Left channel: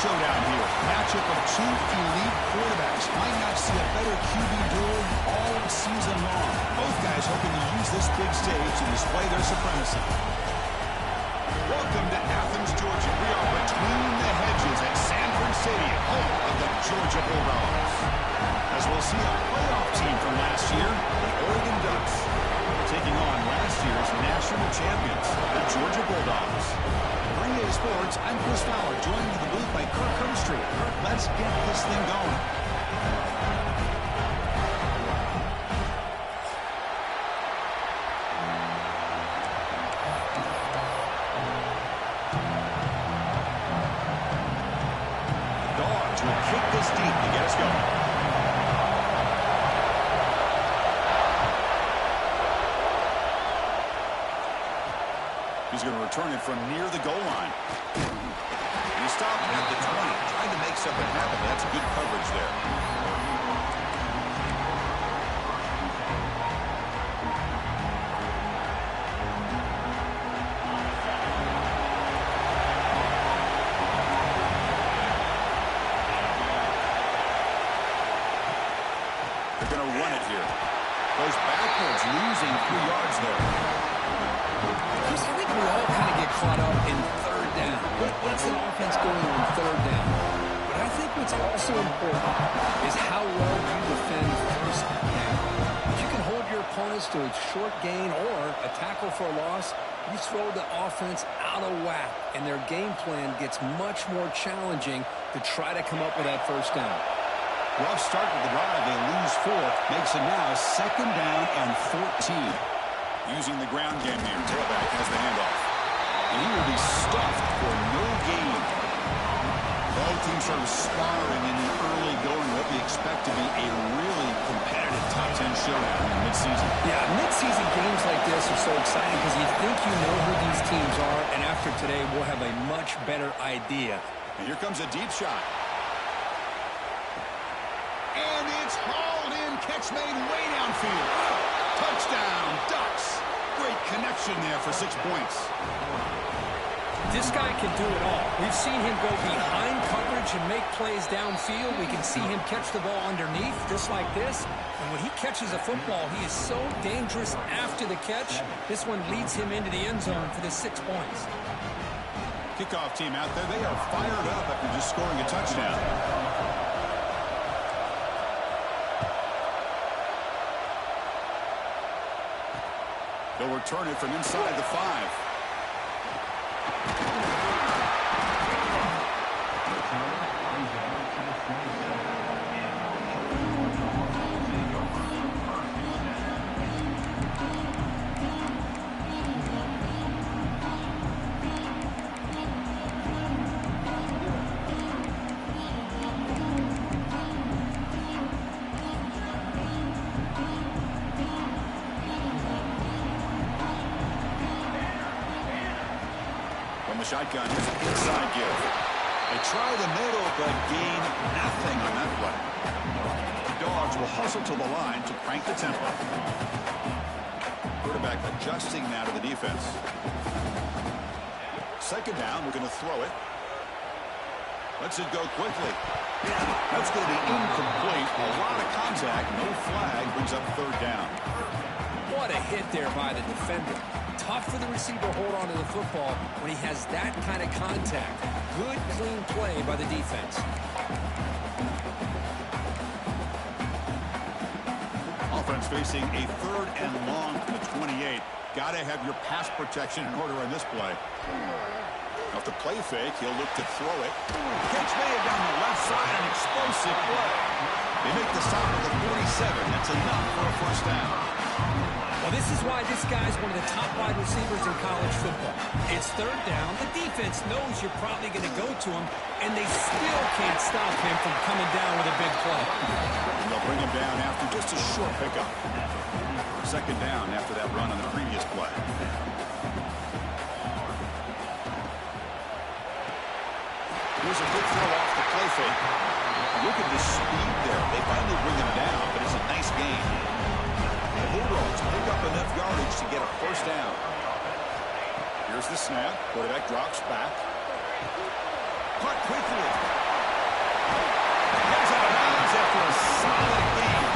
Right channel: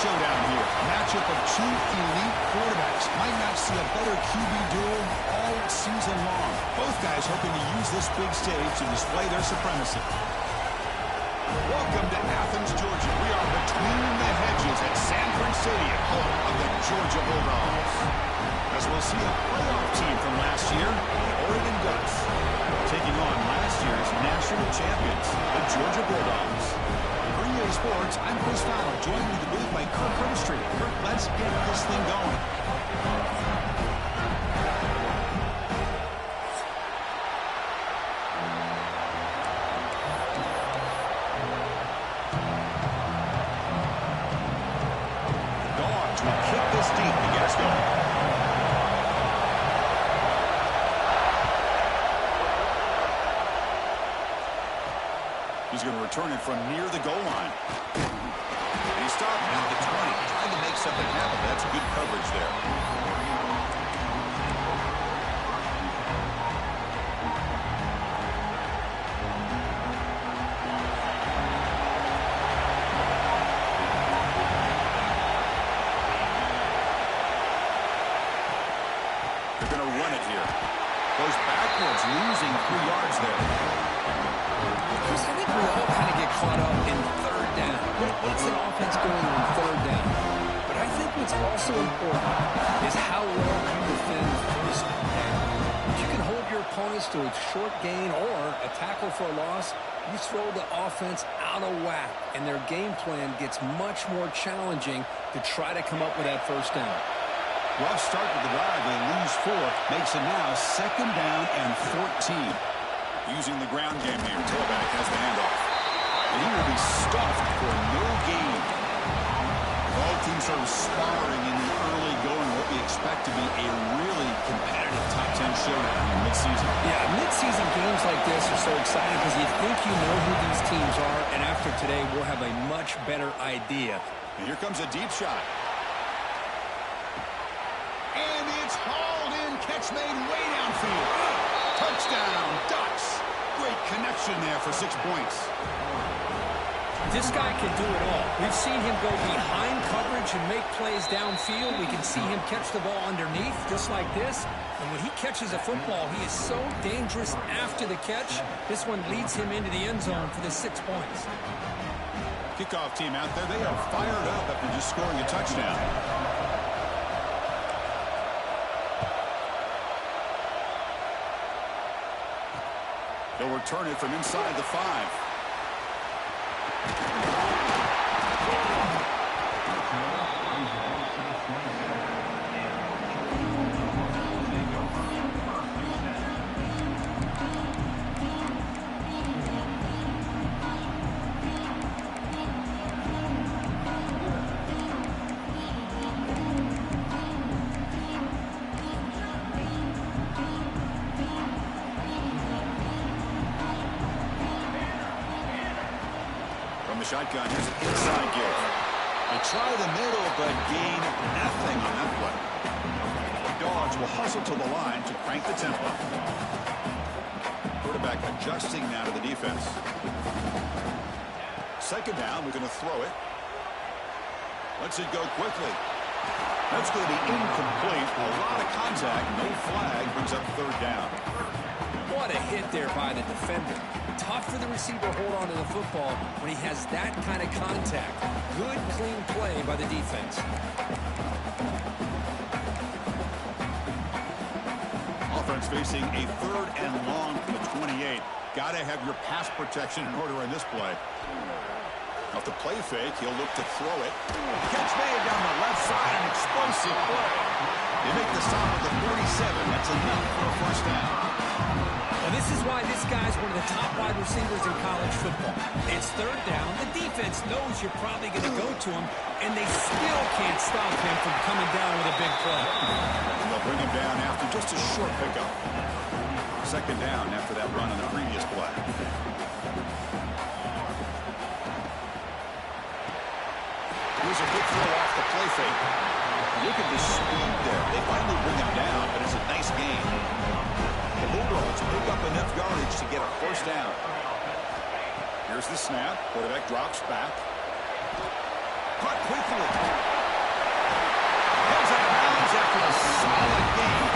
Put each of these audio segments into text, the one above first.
showdown here. Matchup of two elite quarterbacks. Might not see a better QB duel all season long. Both guys hoping to use this big stage to display their supremacy. Welcome to Athens, Georgia. We are between the hedges at Sanford Stadium, home of the Georgia Bulldogs. As we'll see a playoff team from last year, the Oregon Ducks, taking on last year's national champions, the Georgia Bulldogs. For EA Sports, I'm Chris Fowler, joined in the booth by Kirk Herbstreit. Kirk, let's get this thing going. The Dogs will kick this deep to get us going. He's going to return it from near the goal line. And he stopped at the 20, trying to make something happen. That's good coverage there. They're going to run it here. Goes backwards, losing 3 yards there. Chris, I think we all kind of get caught up in third down. What's an offense going on third down? But I think what's also important is how well you defend first down. If you can hold your opponents to a short gain or a tackle for a loss, you throw the offense out of whack, and their game plan gets much more challenging to try to come up with that first down. Rough start to the drive. They lose 4. Makes it now 2nd down and 14. Using the ground game here. Tailback has the handoff. And he will be stuffed for no gain. Both teams sort of sparring in the early going. What we expect to be a really competitive top 10 showdown in midseason. Yeah, midseason games like this are so exciting because you think you know who these teams are, and after today we'll have a much better idea. And here comes a deep shot. And it's hauled in. Catch made way downfield. Touchdown, Ducks. Great connection there for 6 points. This guy can do it all. We've seen him go behind coverage and make plays downfield. We can see him catch the ball underneath, just like this. And when he catches a football, he is so dangerous after the catch. This one leads him into the end zone for the 6 points. Kickoff team out there. They are fired up after just scoring a touchdown. They'll return it from inside the 5. The shotgun, here's an inside give. They try the middle, but gain nothing on that play. The Dogs will hustle to the line to crank the tempo. Quarterback adjusting now to the defense. 2nd down, we're going to throw it. Lets it go quickly. That's going to be incomplete. A lot of contact, no flag, brings up 3rd down. What a hit there by the defender. Tough for the receiver to hold on to the football when he has that kind of contact. Good, clean play by the defense. Offense facing a 3rd and long from the 28. Got to have your pass protection in order on this play. Off the play fake, he'll look to throw it. Catch made down the left side, an explosive play. They make the stop at the 47. That's enough for a 1st down. Well, this is why this guy's one of the top wide receivers in college football. It's 3rd down. The defense knows you're probably going to go to him, and they still can't stop him from coming down with a big play. And they'll bring him down after just a short pickup. 2nd down after that run on the previous play. Here's a good throw off the play fake. Look at the speed there. They finally bring him down, but it's a nice gain. The Bulldogs pick up enough yardage to get a 1st down. Here's the snap. Quarterback drops back. Caught quickly. Heads out of bounds after a solid gain.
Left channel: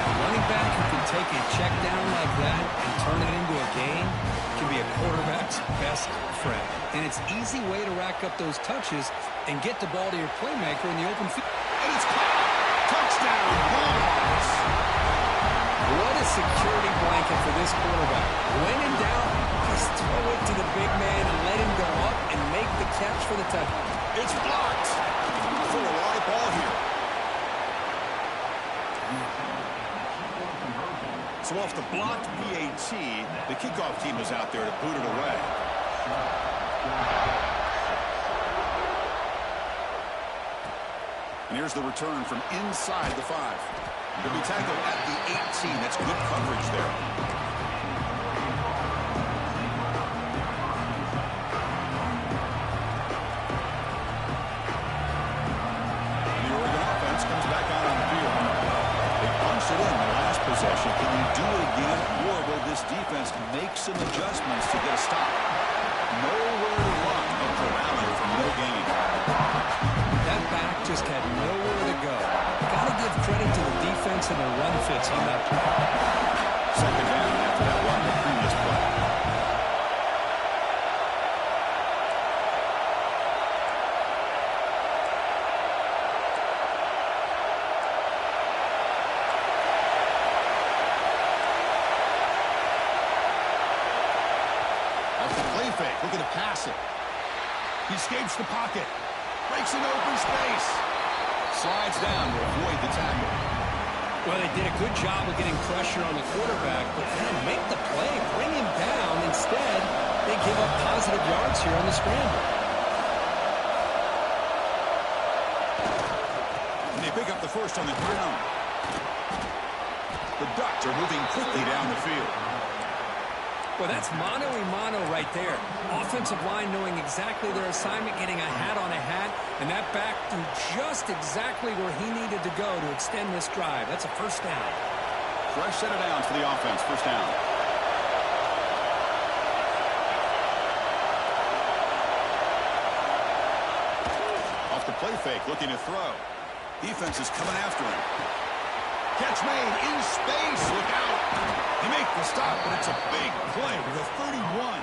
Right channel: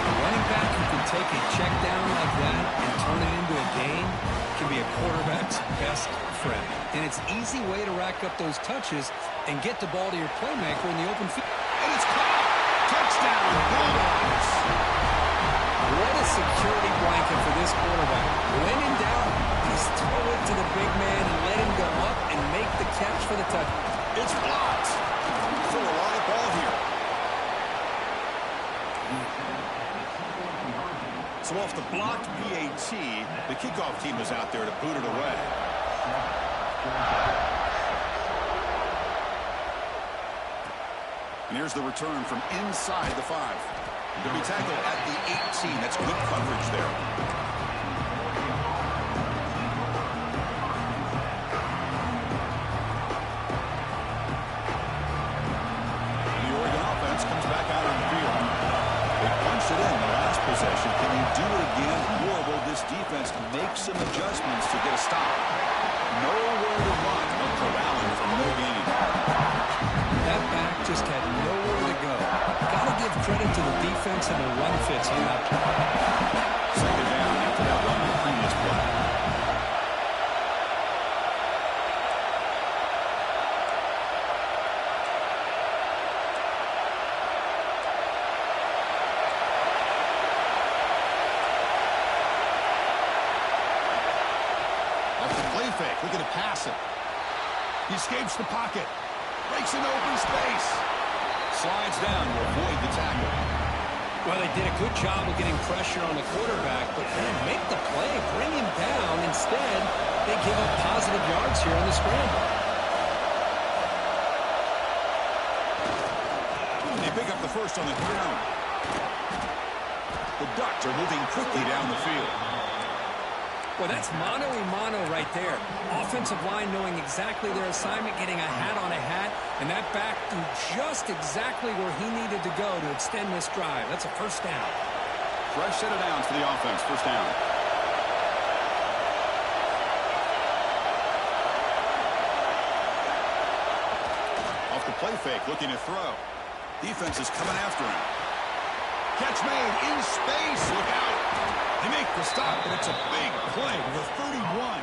A running back who can take a check down like that and turn it into a gain can be a quarterback's best friend. And it's an easy way to rack up those touches and get the ball to your playmaker in the open field. And it's caught. Touchdown, Bulldogs. What a security blanket for this quarterback. When in doubt, just throw it to the big man and let him go up and make the catch for the touchdown. It's blocked. Still a live ball here. So off the blocked PAT, the kickoff team is out there to boot it away. And here's the return from inside the 5. He'll be tackled at the 18. That's good coverage there. The Oregon offense comes back out on the field. They punched it in the last possession. Can they do it again, or will this defense make some adjustments to get a stop? Nowhere to run. No corralling from no gain. That back just had nowhere to go. Got to give credit to the defense and their run fits on that play. Second down after that run the previous play. Off the play fake, looking to pass it. He escapes the pocket. Breaks into open space. Slides down to avoid the tackle. Well, they did a good job of getting pressure on the quarterback, but man, make the play, bring him down. Instead, they give up positive yards here on the scramble. And they pick up the first on the ground. The Ducks are moving quickly down the field. Well, that's mano-a-mano right there. Offensive line knowing exactly their assignment, getting a hat on a hat, and that back threw just exactly where he needed to go to extend this drive. That's a first down. Fresh set of downs for the offense. First down. Off the play fake, looking to throw. Defense is coming after him. Catch made in space. Look out. They make the stop, but it's a big play to the 31.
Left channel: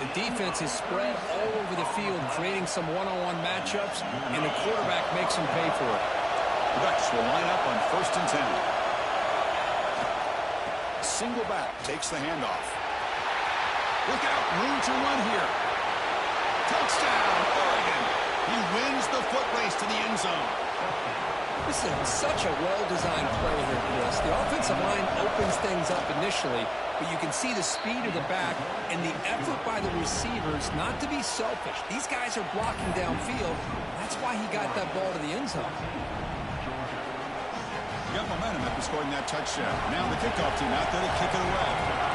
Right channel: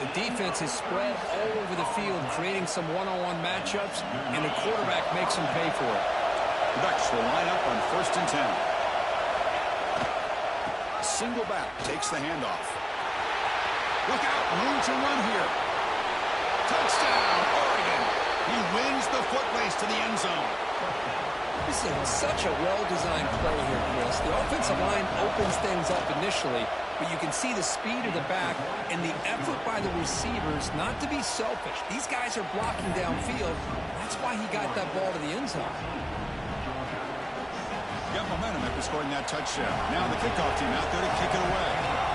The defense is spread all over the field, creating some one-on-one matchups, and the quarterback makes them pay for it. The Ducks will line up on 1st and 10. Single back takes the handoff. Look out, room to run here. Touchdown, Oregon. He wins the foot race to the end zone. This is such a well-designed play here, Chris. The offensive line opens things up initially, but you can see the speed of the back and the effort by the receivers not to be selfish. These guys are blocking downfield. That's why he got that ball to the end zone. Got momentum after scoring that touchdown. Now the kickoff team out there to kick it away.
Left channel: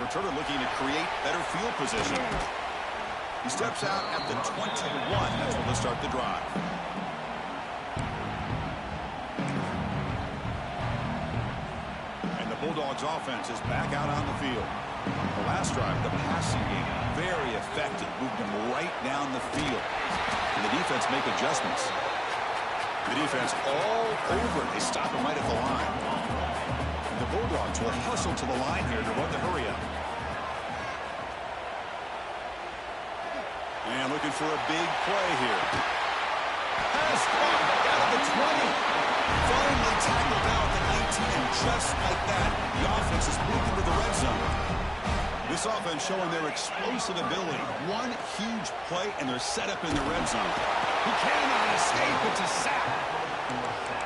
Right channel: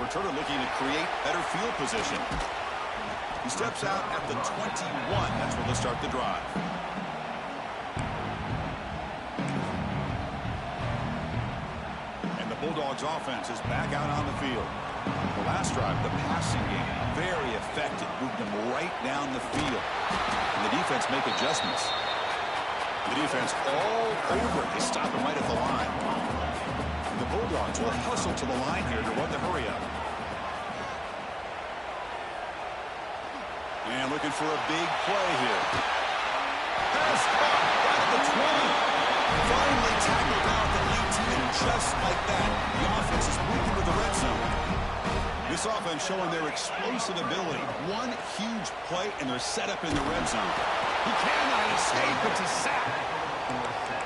Returner looking to create better field position. He steps out at the 21. That's where they'll start the drive. And the Bulldogs offense is back out on the field. The last drive, the passing game, very effective. Moved him right down the field. And the defense make adjustments. The defense all over it. They stop him right at the line. And the Bulldogs will hustle to the line here to run the hurry up. And looking for a big play here. Pass caught out of the 20. Finally tackled down at the 19, and just like that, the offense is moved into the red zone. This offense showing their explosive ability. One huge play, and they're set up in the red zone. He cannot escape. It's a sack.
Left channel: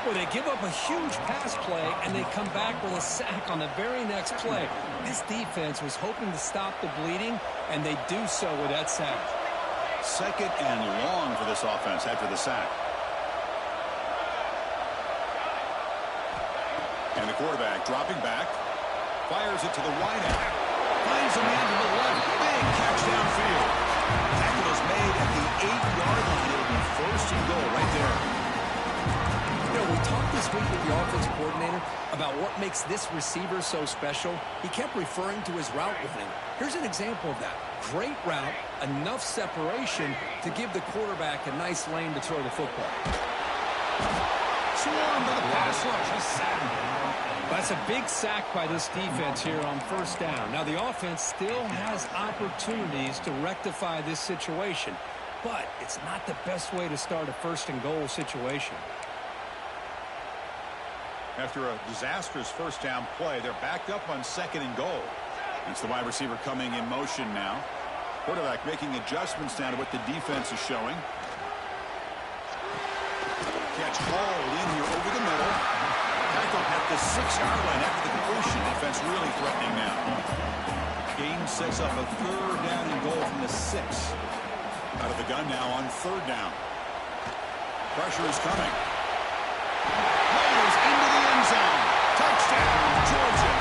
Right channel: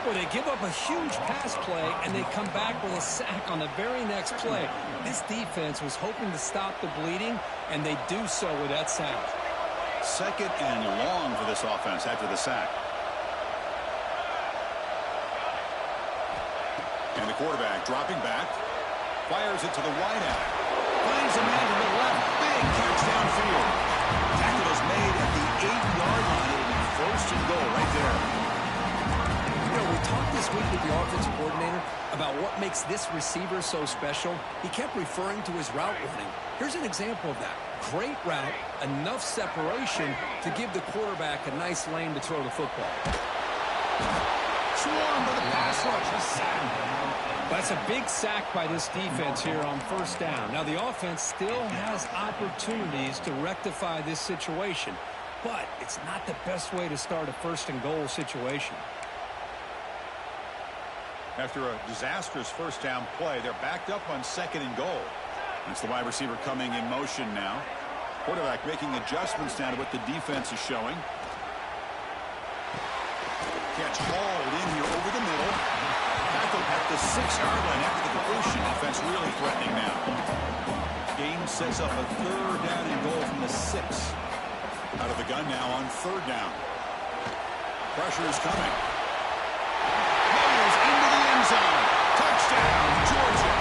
Well, they give up a huge pass play, and they come back with a sack on the very next play. This defense was hoping to stop the bleeding, and they do so with that sack. Second and long for this offense after the sack. And the quarterback dropping back. Fires it to the wideout. Finds a man to the left. Big catch downfield. Tackle is made at the 8-yard line. It'll be 1st and goal right there. You know, we talked this week with the offensive coordinator about what makes this receiver so special. He kept referring to his route running. Here's an example of that. Great route, enough separation to give the quarterback a nice lane to throw the football. Swarm for the pass rush, a sack. That's a big sack by this defense here on first down. Now, the offense still has opportunities to rectify this situation, but it's not the best way to start a first-and-goal situation. After a disastrous first down play, they're backed up on second and goal. It's the wide receiver coming in motion now. Quarterback making adjustments now to what the defense is showing. Catch hauled in here over the middle. Tackled at the 6-yard line after the completion. Offense really threatening now. Game sets up a third down and goal from the 6. Out of the gun now on third down. Pressure is coming. Motors into the end zone. Touchdown, Georgia.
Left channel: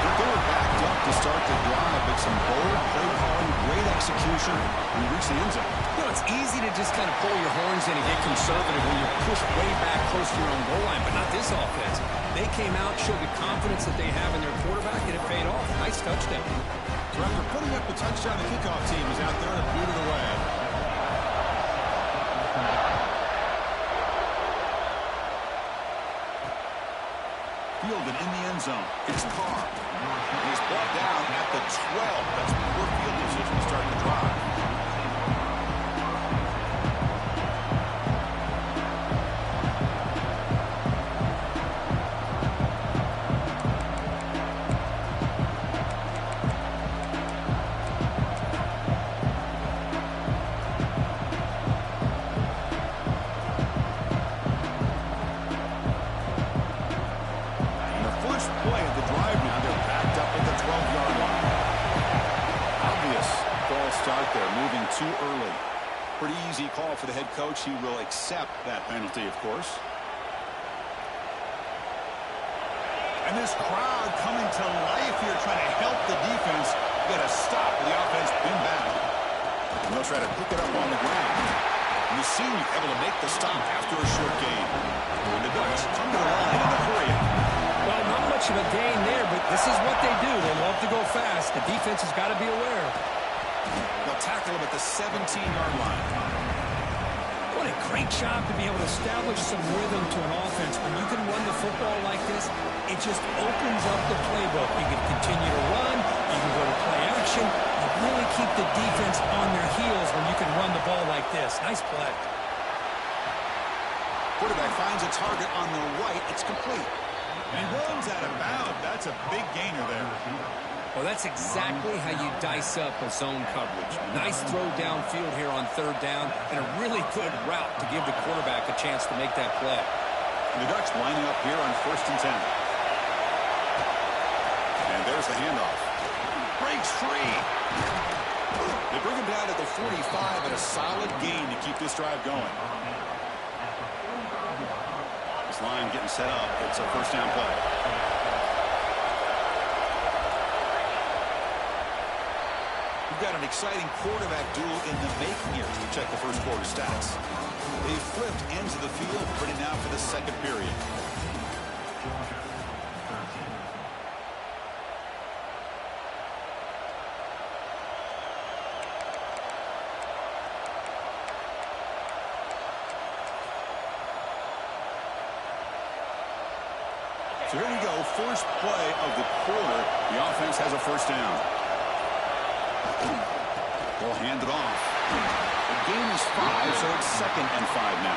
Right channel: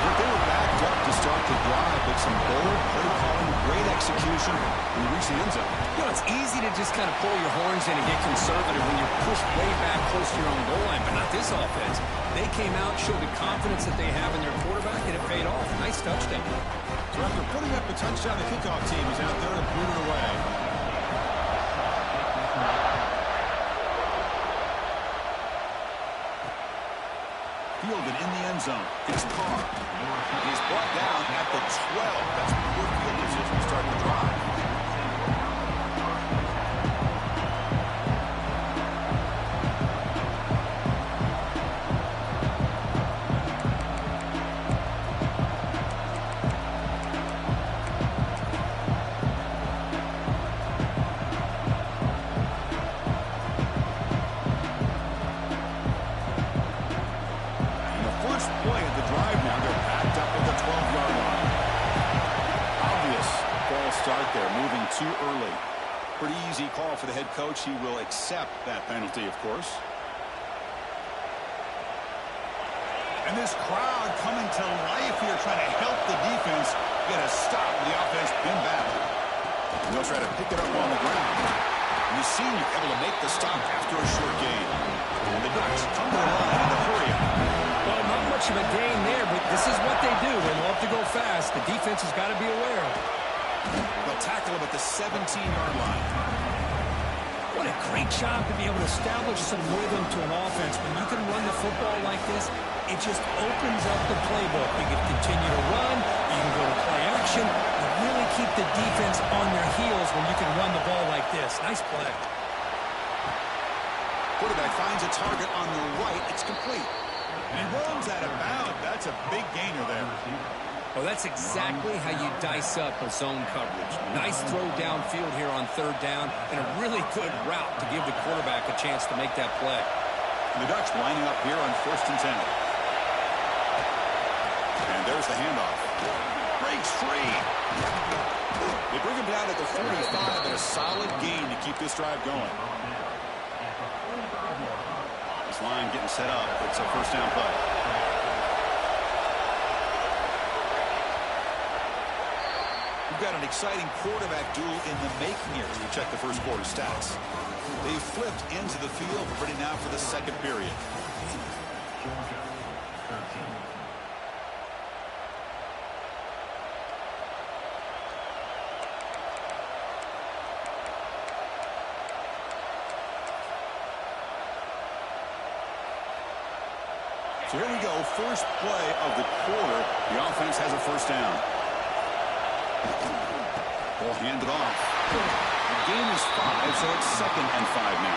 They were backed up to start the drive, but some bold play calling, great execution, and they reached the end zone. You know, it's easy to just kind of pull your horns in and get conservative when you're pushed way back close to your own goal line, but not this offense. They came out, showed the confidence that they have in their quarterback, and it paid off. Nice touchdown. So after putting up the touchdown, the kickoff team is out there to boot it away. Fielded in the end zone. It's Carr. He's brought down at the 12. That's a poor field position to start the drive. Play of the drive now. They're backed up at the 12-yard line. Obvious false start there, moving too early. Pretty easy call for the head coach. He will accept that penalty, of course. And this crowd coming to life here, trying to help the defense get a stop with the offense pinned back. And they'll try to pick it up on the ground. And you see you able to make the stop after a short gain. And the Ducks come to the line in a hurry. Well, not much of a gain there, but this is what they do. They love to go fast. The defense has got to be aware. They'll tackle him at the 17-yard line. What a great job to be able to establish some rhythm to an offense. When you can run the football like this, it just opens up the playbook. You can continue to run. You can go to play action. You really keep the defense on their heels when you can run the ball like this. Nice play. Quarterback finds a target on the right. It's complete. And runs out of bounds. That's a big gainer there. Well, that's exactly how you dice up a zone coverage. Nice throw downfield here on third down, and a really good route to give the quarterback a chance to make that play. And the Ducks lining up here on 1st and 10. And there's the handoff. Breaks free. They bring him down at the 45, and a solid gain to keep this drive going. This line getting set up. It's a first down play. We've got an exciting quarterback duel in the making here as we check the first quarter stats. They've flipped ends of the field, ready now for the second period. So here we go, first play of the quarter. The offense has a first down. Ball handed off. The game is 5, so it's 2nd and 5 now.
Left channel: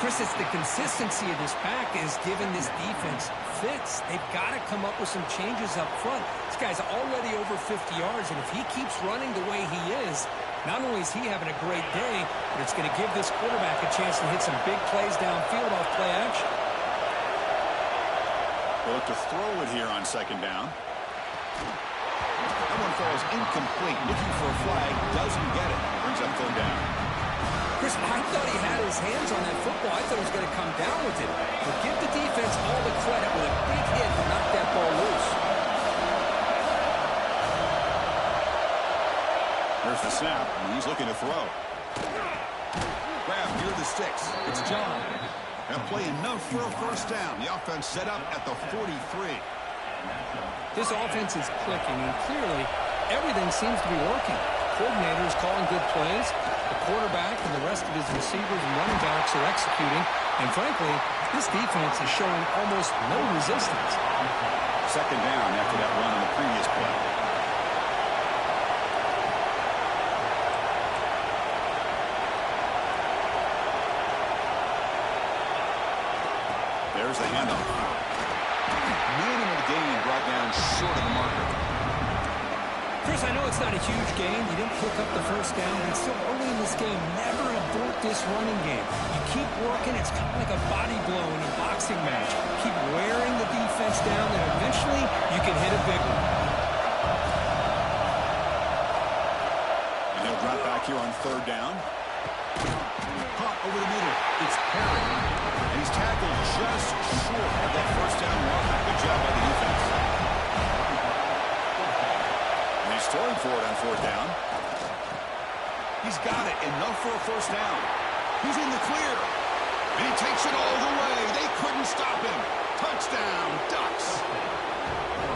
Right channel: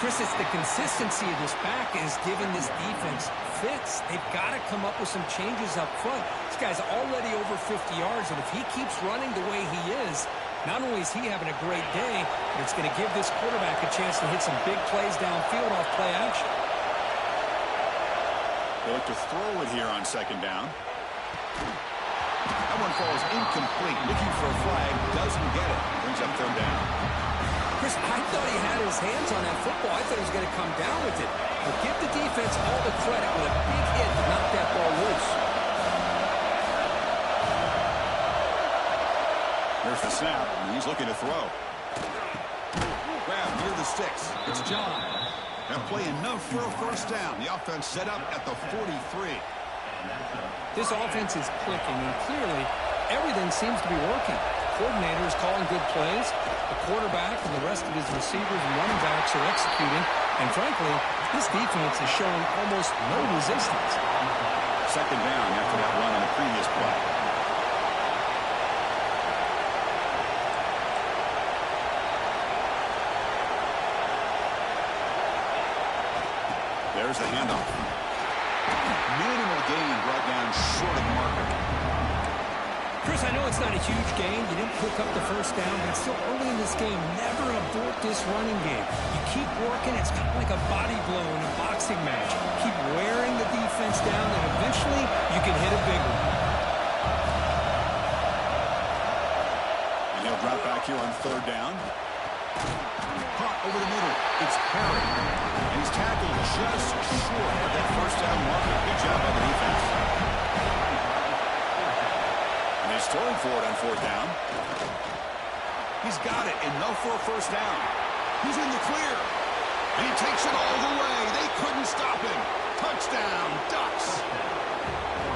Chris, it's the consistency of this pack is giving this defense fits. They've got to come up with some changes up front. This guy's already over 50 yards, and if he keeps running the way he is, not only is he having a great day, but it's going to give this quarterback a chance to hit some big plays downfield off play action. They look to throw it here on 2nd down. That one falls incomplete. Looking for a flag. Doesn't get it. Brings up 3rd down. Chris, I thought he had his hands on that football. I thought he was going to come down with it. But give the defense all the credit with a big hit to knock that ball loose. There's the snap. And he's looking to throw. Grab near the sticks. It's John. That play enough for a first down. The offense set up at the 43. This offense is clicking, and clearly everything seems to be working. Coordinator is calling good plays. The quarterback and the rest of his receivers and running backs are executing. And frankly, this defense is showing almost no resistance. Second down after that run on the previous play. There's the handoff. Minimal gain brought down short of the marker. Chris, I know it's not a huge gain. You didn't pick up the first down, but it's still early in this game. Never abort this running game. You keep working. It's kind of like a body blow in a boxing match. Keep wearing the defense down, and eventually you can hit a big one. And he'll drop back here on third down. Caught over the middle. It's Perry. And he's tackled just short of that first down marker. Good job by the defense. And he's throwing for it on fourth down. He's got it. Enough for a first down. He's in the clear. And he takes it all the way. They couldn't stop him. Touchdown, Ducks.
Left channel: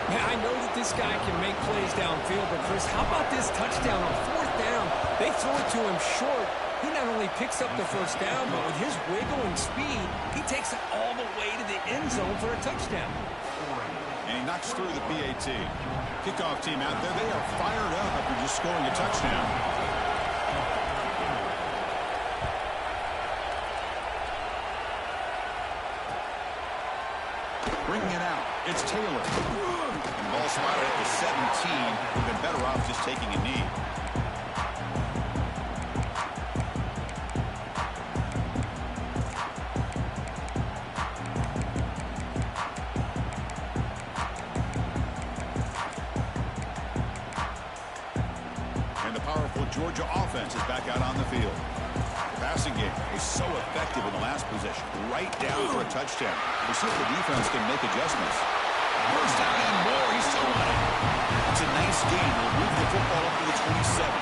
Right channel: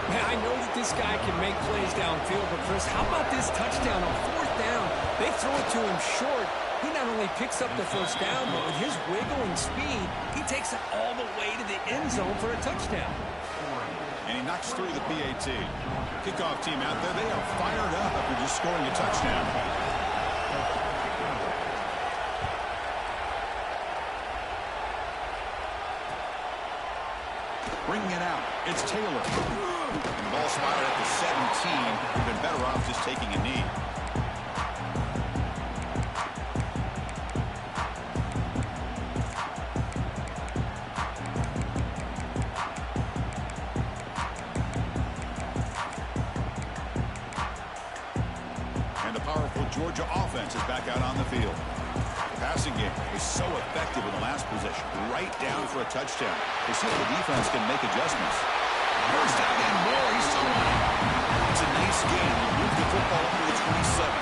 Man, I know that this guy can make plays downfield, but Chris, how about this touchdown on fourth down? They throw it to him short. He not only picks up the first down, but with his wiggling speed, he takes it all the way to the end zone for a touchdown. And he knocks through the PAT. Kickoff team out there, they are fired up after just scoring a touchdown. Bringing it out, it's Taylor. And ball spotted at the 17. We've been better off just taking a knee. Georgia offense is back out on the field. The passing game was so effective in the last possession. Right down for a touchdown. We'll see if the defense can make adjustments. First down and more. He's still running. It's a nice game. He'll move the football up to the 27.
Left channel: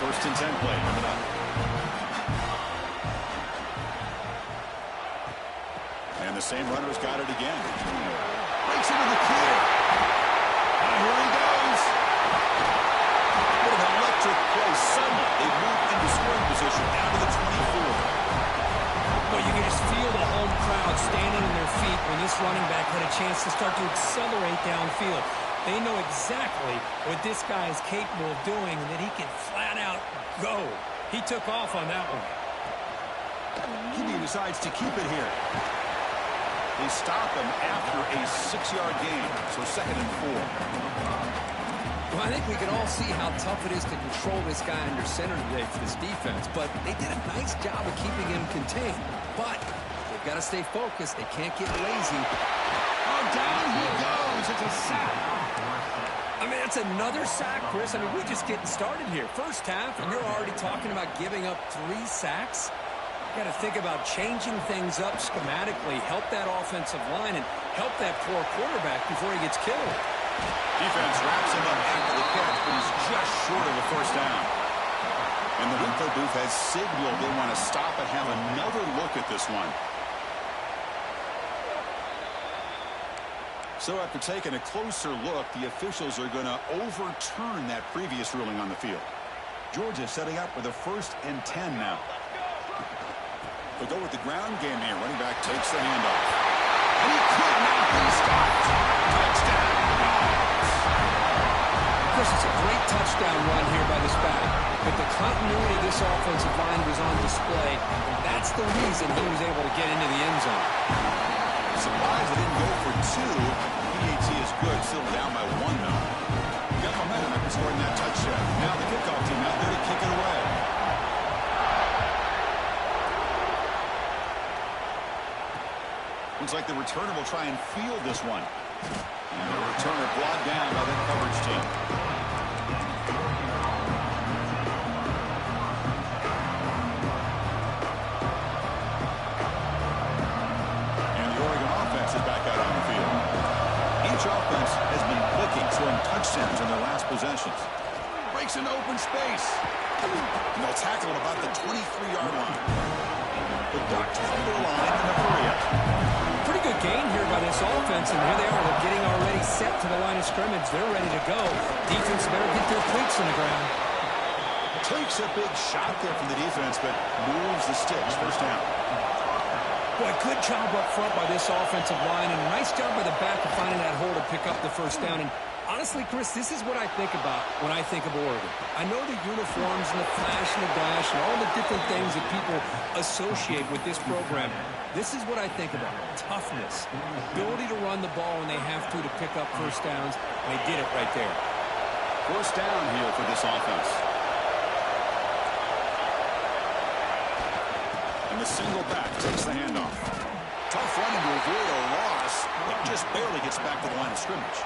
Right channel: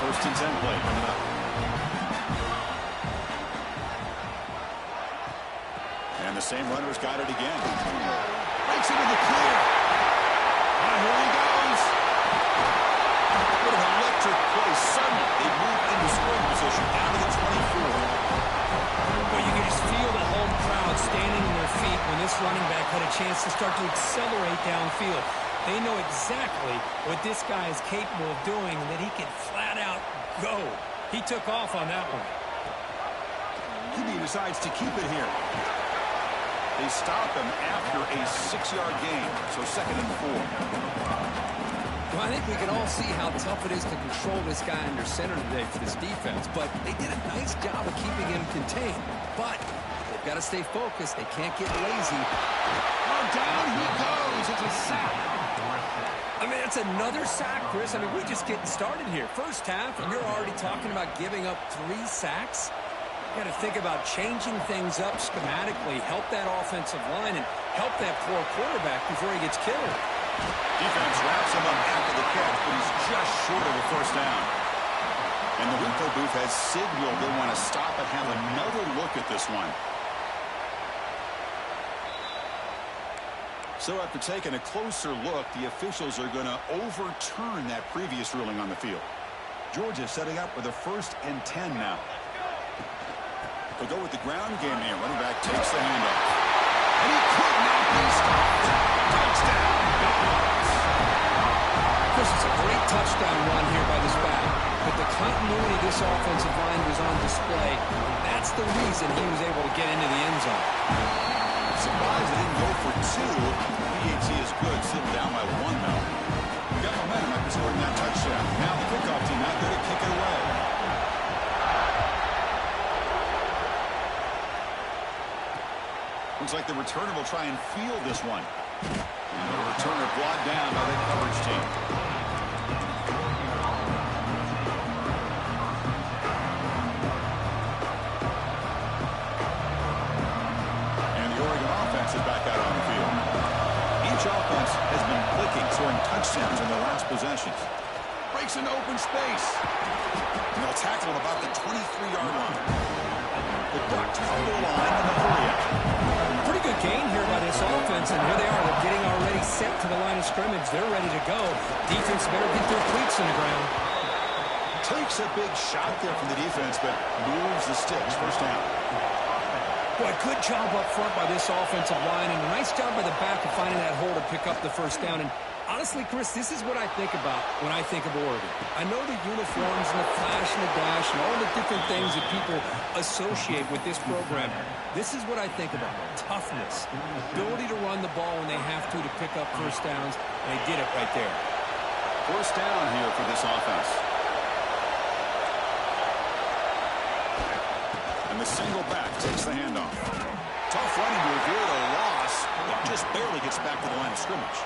First and 10 play coming up. And the same runner's got it again. Breaks into the clear. Here he goes. What an electric play. Suddenly, they move into scoring position down to the 24. Well, you can just feel the home crowd standing on their feet when this running back had a chance to start to accelerate downfield. They know exactly what this guy is capable of doing and that he can flat out go. He took off on that one. QB decides to keep it here. They stop him after a 6-yard gain, so second and 4. Well, I think we can all see how tough it is to control this guy under center today for this defense, but they did a nice job of keeping him contained. But they've got to stay focused. They can't get lazy. Oh, down he goes. It's a sack. I mean, it's another sack, Chris. I mean, we're just getting started here. First half, and you're already talking about giving up 3 sacks. You got to think about changing things up schematically, help that offensive line, and help that poor quarterback before he gets killed. Defense wraps him up after the catch, but he's just short of a first down. And the Winco booth has signaled they want to stop and have another look at this one. So after taking a closer look, the officials are going to overturn that previous ruling on the field. Georgia setting up with a 1st and 10 now. They'll go with the ground game here. Running back takes the handoff. And he could not be stopped. Touchdown, Dogs. Chris, it's a great touchdown run here by this back. But the continuity of this offensive line was on display. And that's the reason he was able to get into the end zone. Surprised they didn't go for 2. PAT is good. Still down by 1 now. We got momentum after scoring that touchdown. Now the kickoff team out there to kick it away. Looks like the returner will try and field this one. And the returner brought down by that coverage team. And the Oregon offense is back out on the field. Each offense has been clicking, scoring touchdowns in their last possessions. Breaks into open space. And they'll tackle him about the 23-yard line. The Ducks come to the line in the hurry-up. Pretty good gain here by this offense, and here they are. They're getting already set to the line of scrimmage. They're ready to go. Defense better get their cleats in the ground. Takes a big shot there from the defense, but moves the sticks. First down. Boy, good job up front by this offensive line, and a nice job by the back of finding that hole to pick up the first down. And honestly, Chris, this is what I think about when I think of Oregon. I know the uniforms and the flash and the dash and all the different things that people associate with this program. This is what I think about. Toughness, ability to run the ball when they have to pick up first downs, and they did it right there. First down here for this offense. And the single back takes the handoff. Tough running to avoid a loss, but just barely gets back to the line of scrimmage.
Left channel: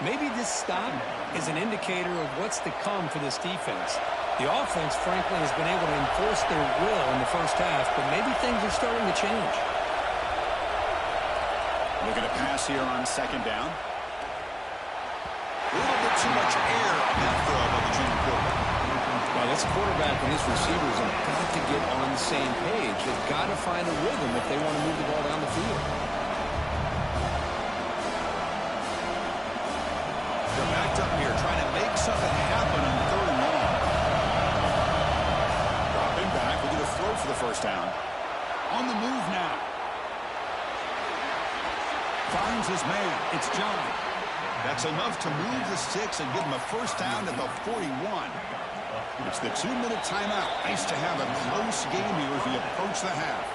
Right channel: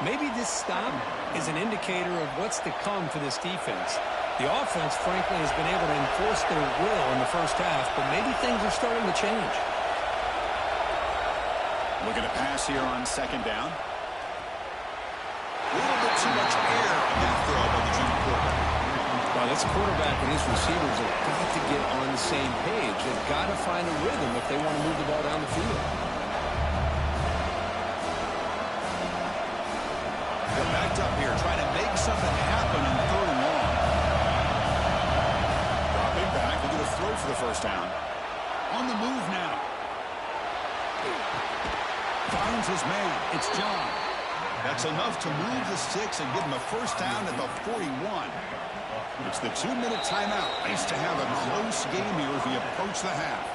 Maybe this stop is an indicator of what's to come for this defense. The offense, frankly, has been able to enforce their will in the first half, but maybe things are starting to change. Looking to pass here on second down. A little bit too much air on that throw by the junior quarterback. Well, this quarterback and his receivers have got to get on the same page. They've got to find a rhythm if they want to move the ball down the field. They're backed up here, trying to make something happen on third and long. Dropping back, looking to throw for the first down. On the move now. Finds his man. It's John. That's enough to move the sticks and give him a first down at the 41. It's the 2-minute timeout. Nice to have a close game here as we approach the half.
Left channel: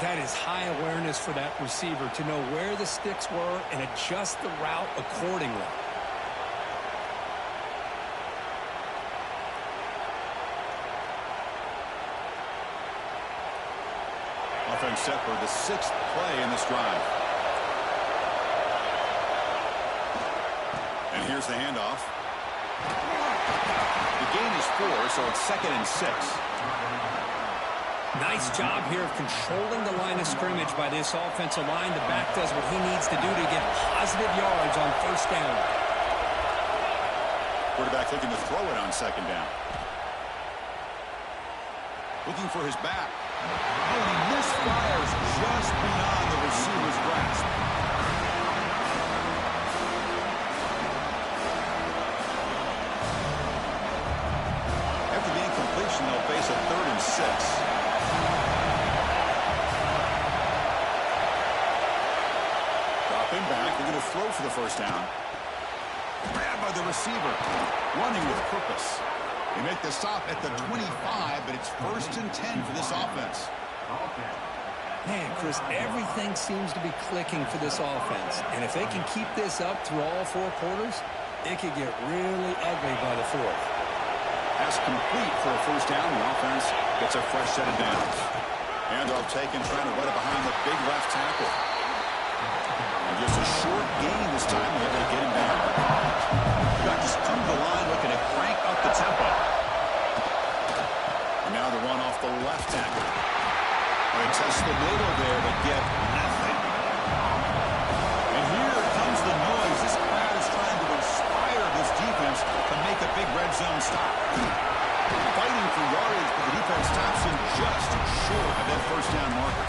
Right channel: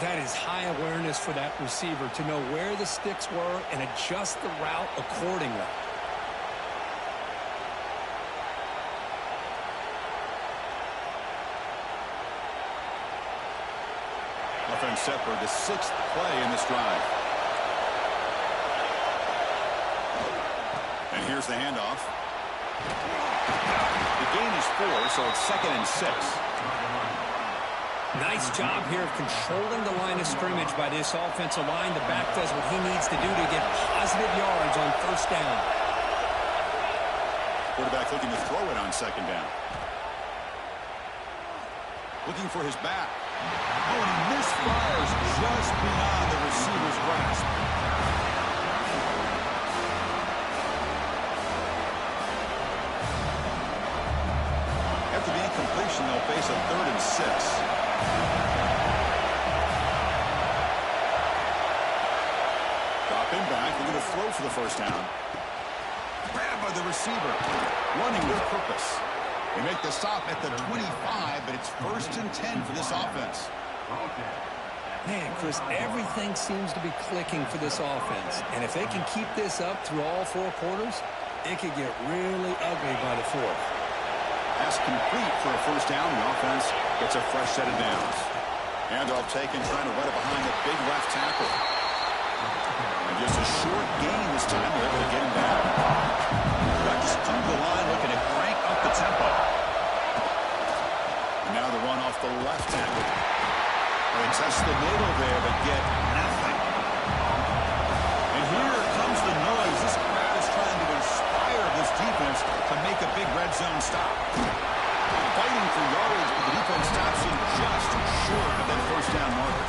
That is high awareness for that receiver to know where the sticks were and adjust the route accordingly. Offense set for the 6th play in this drive. And here's the handoff. The gain is 4, so it's 2nd and 6. Nice job here of controlling the line of scrimmage by this offensive line. The back does what he needs to do to get positive yards on first down. Quarterback looking to throw it on second down. Looking for his back. Oh, and he misfires just beyond the receiver's grasp. After the incompletion, they'll face a 3rd and 6. Dropping back, looking to throw for the first down. Grabbed by the receiver, running with purpose. They make the stop at the 25, but it's 1st and 10 for this offense. Man, Chris, everything seems to be clicking for this offense. And if they can keep this up through all 4 quarters, it could get really ugly by the 4th. Pass complete for a first down. The offense gets a fresh set of downs. Handoff taken, trying to run it behind the big left tackle. And just a short gain this time. They're able to get him down. Back just come to the line, looking to crank up the tempo. And now the run off the left tackle. They test the middle there, but get nothing. And here comes the noise. This crowd is trying to inspire this defense to make a big red zone stop. Fighting for yardage, but the defense stops him just short of that first down marker.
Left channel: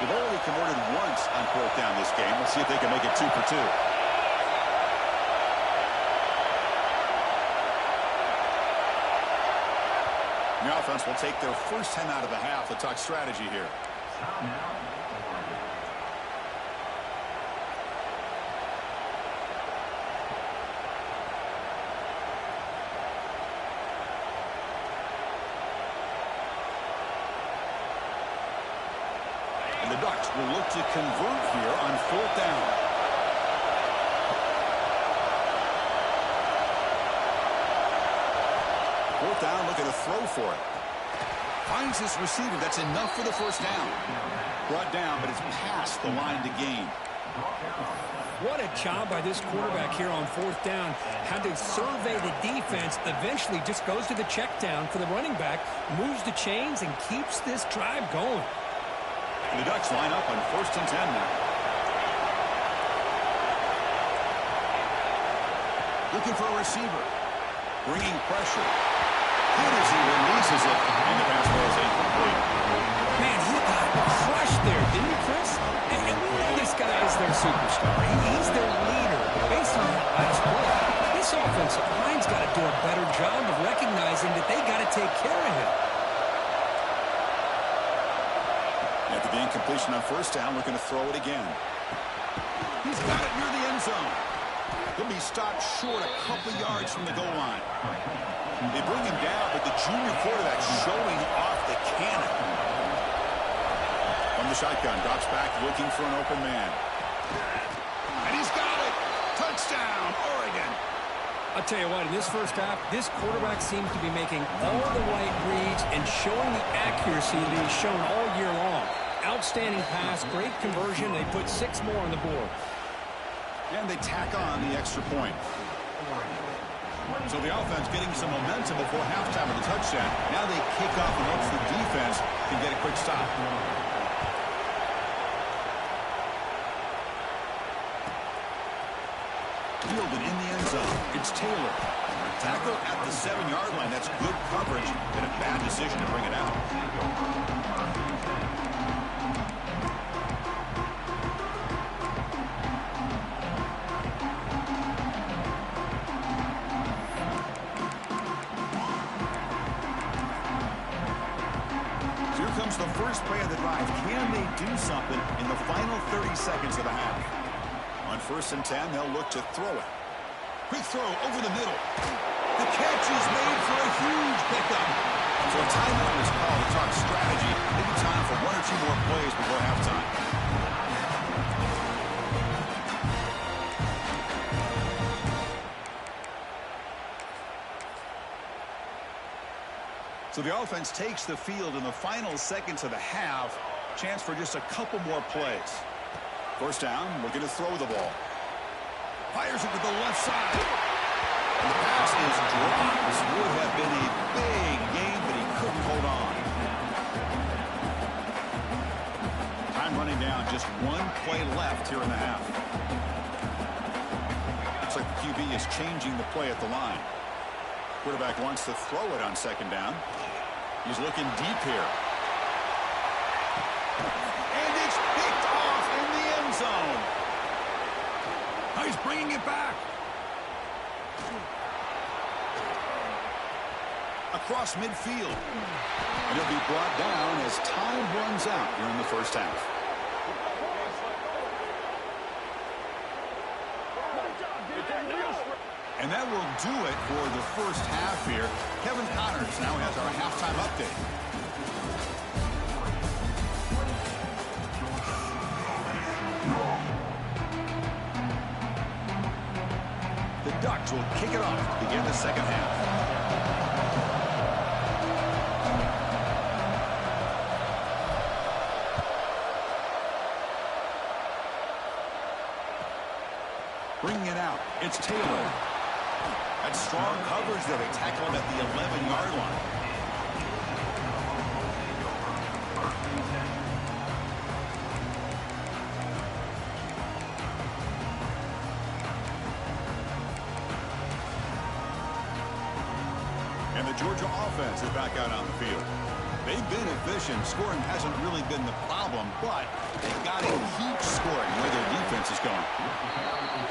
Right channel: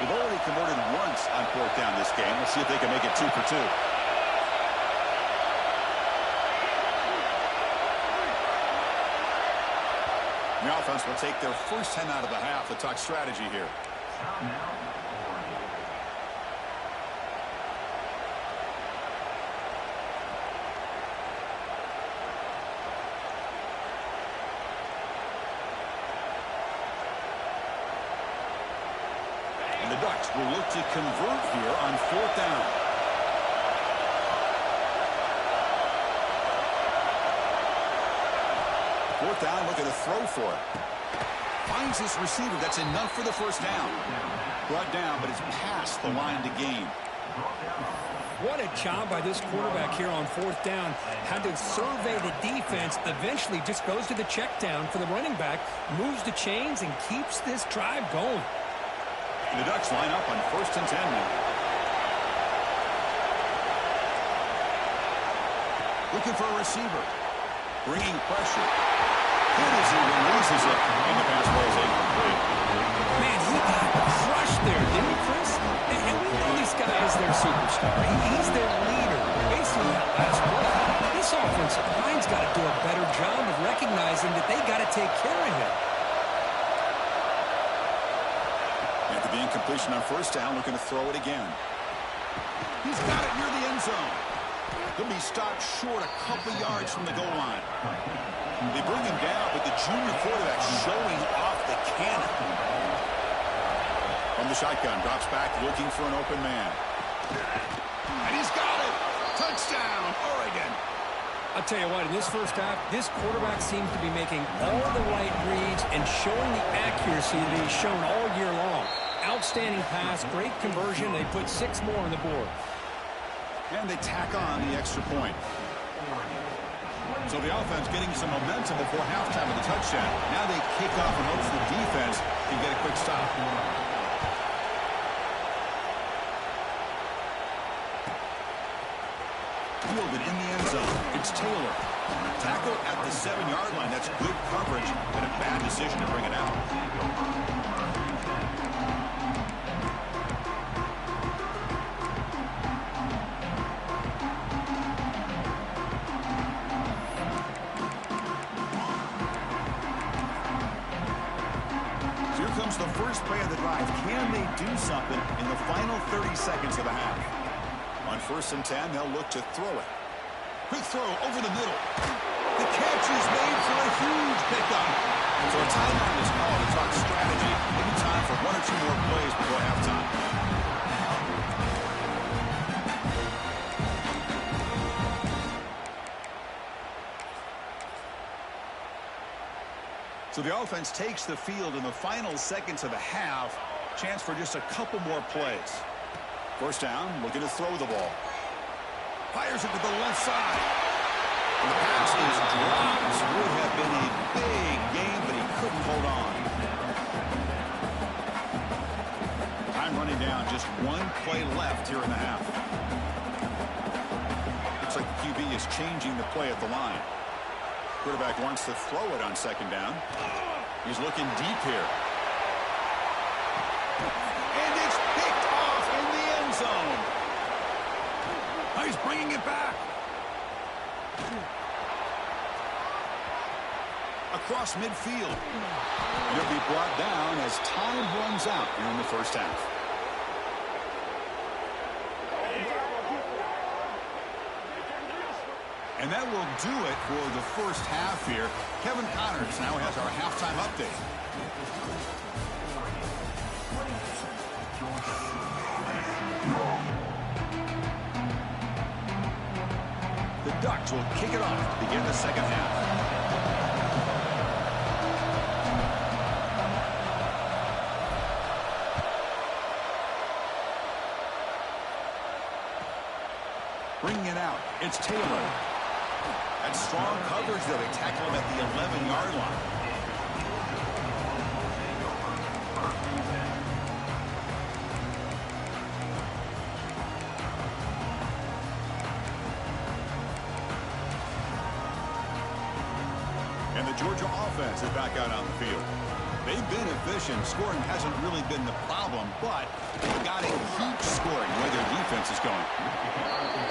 They've already converted once on 4th down this game. Let's see if they can make it 2 for 2. The offense will take their first 10 out of the half to talk strategy here. And the Ducks will look to convert here on 4th down. Fourth down, looking to throw for it. Finds this receiver. That's enough for the first down. Brought down, but it's past the line to gain. What a job by this quarterback here on 4th down. Had to survey the defense. Eventually just goes to the check down for the running back. Moves the chains and keeps this drive going. And the Ducks line up on 1st and 10 now. Looking for a receiver. Bringing pressure. Good as he releases it, and the pass ball is incomplete. Man, he got crushed there, didn't he, Chris? And we know this guy is their superstar. He's their leader. But based on that last play, this offensive line's got to do a better job of recognizing that they got to take care of him. After the incompletion on first down, looking to throw it again. He's got it near the end zone. He'll be stopped short a couple yards from the goal line. They bring him down, but the junior quarterback showing off the cannon. From the shotgun, drops back looking for an open man. And he's got it. Touchdown, Oregon. I'll tell you what, in this first half, this quarterback seems to be making all the right reads and showing the accuracy that he's shown all year long. Outstanding pass, great conversion. They put 6 more on the board. And they tack on the extra point. So the offense getting some momentum before halftime of the touchdown. Now they kick off and hopes the defense can get a quick stop. Fielded in the end zone. It's Taylor. Tackle at the 7-yard line. That's good coverage, but a bad decision to bring it out. Comes the first play of the drive. Can they do something in the final 30 seconds of the half? On 1st and 10, they'll look to throw it. Quick throw over the middle. The catch is made for a huge pickup. So a timeout is called to talk strategy. Maybe time for 1 or 2 more plays before halftime. So the offense takes the field in the final seconds of the half. Chance for just a couple more plays. First down, looking to throw the ball. Fires it to the left side. And the pass is dropped. Would have been a big game, but he couldn't hold on. Time running down, just 1 play left here in the half. Looks like the QB is changing the play at the line. Quarterback wants to throw it on 2nd down. He's looking deep here. And it's picked off in the end zone. Now he's bringing it back. Across midfield. And he'll be brought down as time runs out here in the first half. And that will do it for the first half here. Kevin Connors now has our halftime update. The Ducks will kick it off to begin the second half. Bringing it out, it's Taylor. That's strong coverage there. They tackle him at the 11-yard line. And the Georgia offense is back out on the field. They've been efficient. Scoring hasn't really been the problem, but they've got to keep scoring where their defense is going.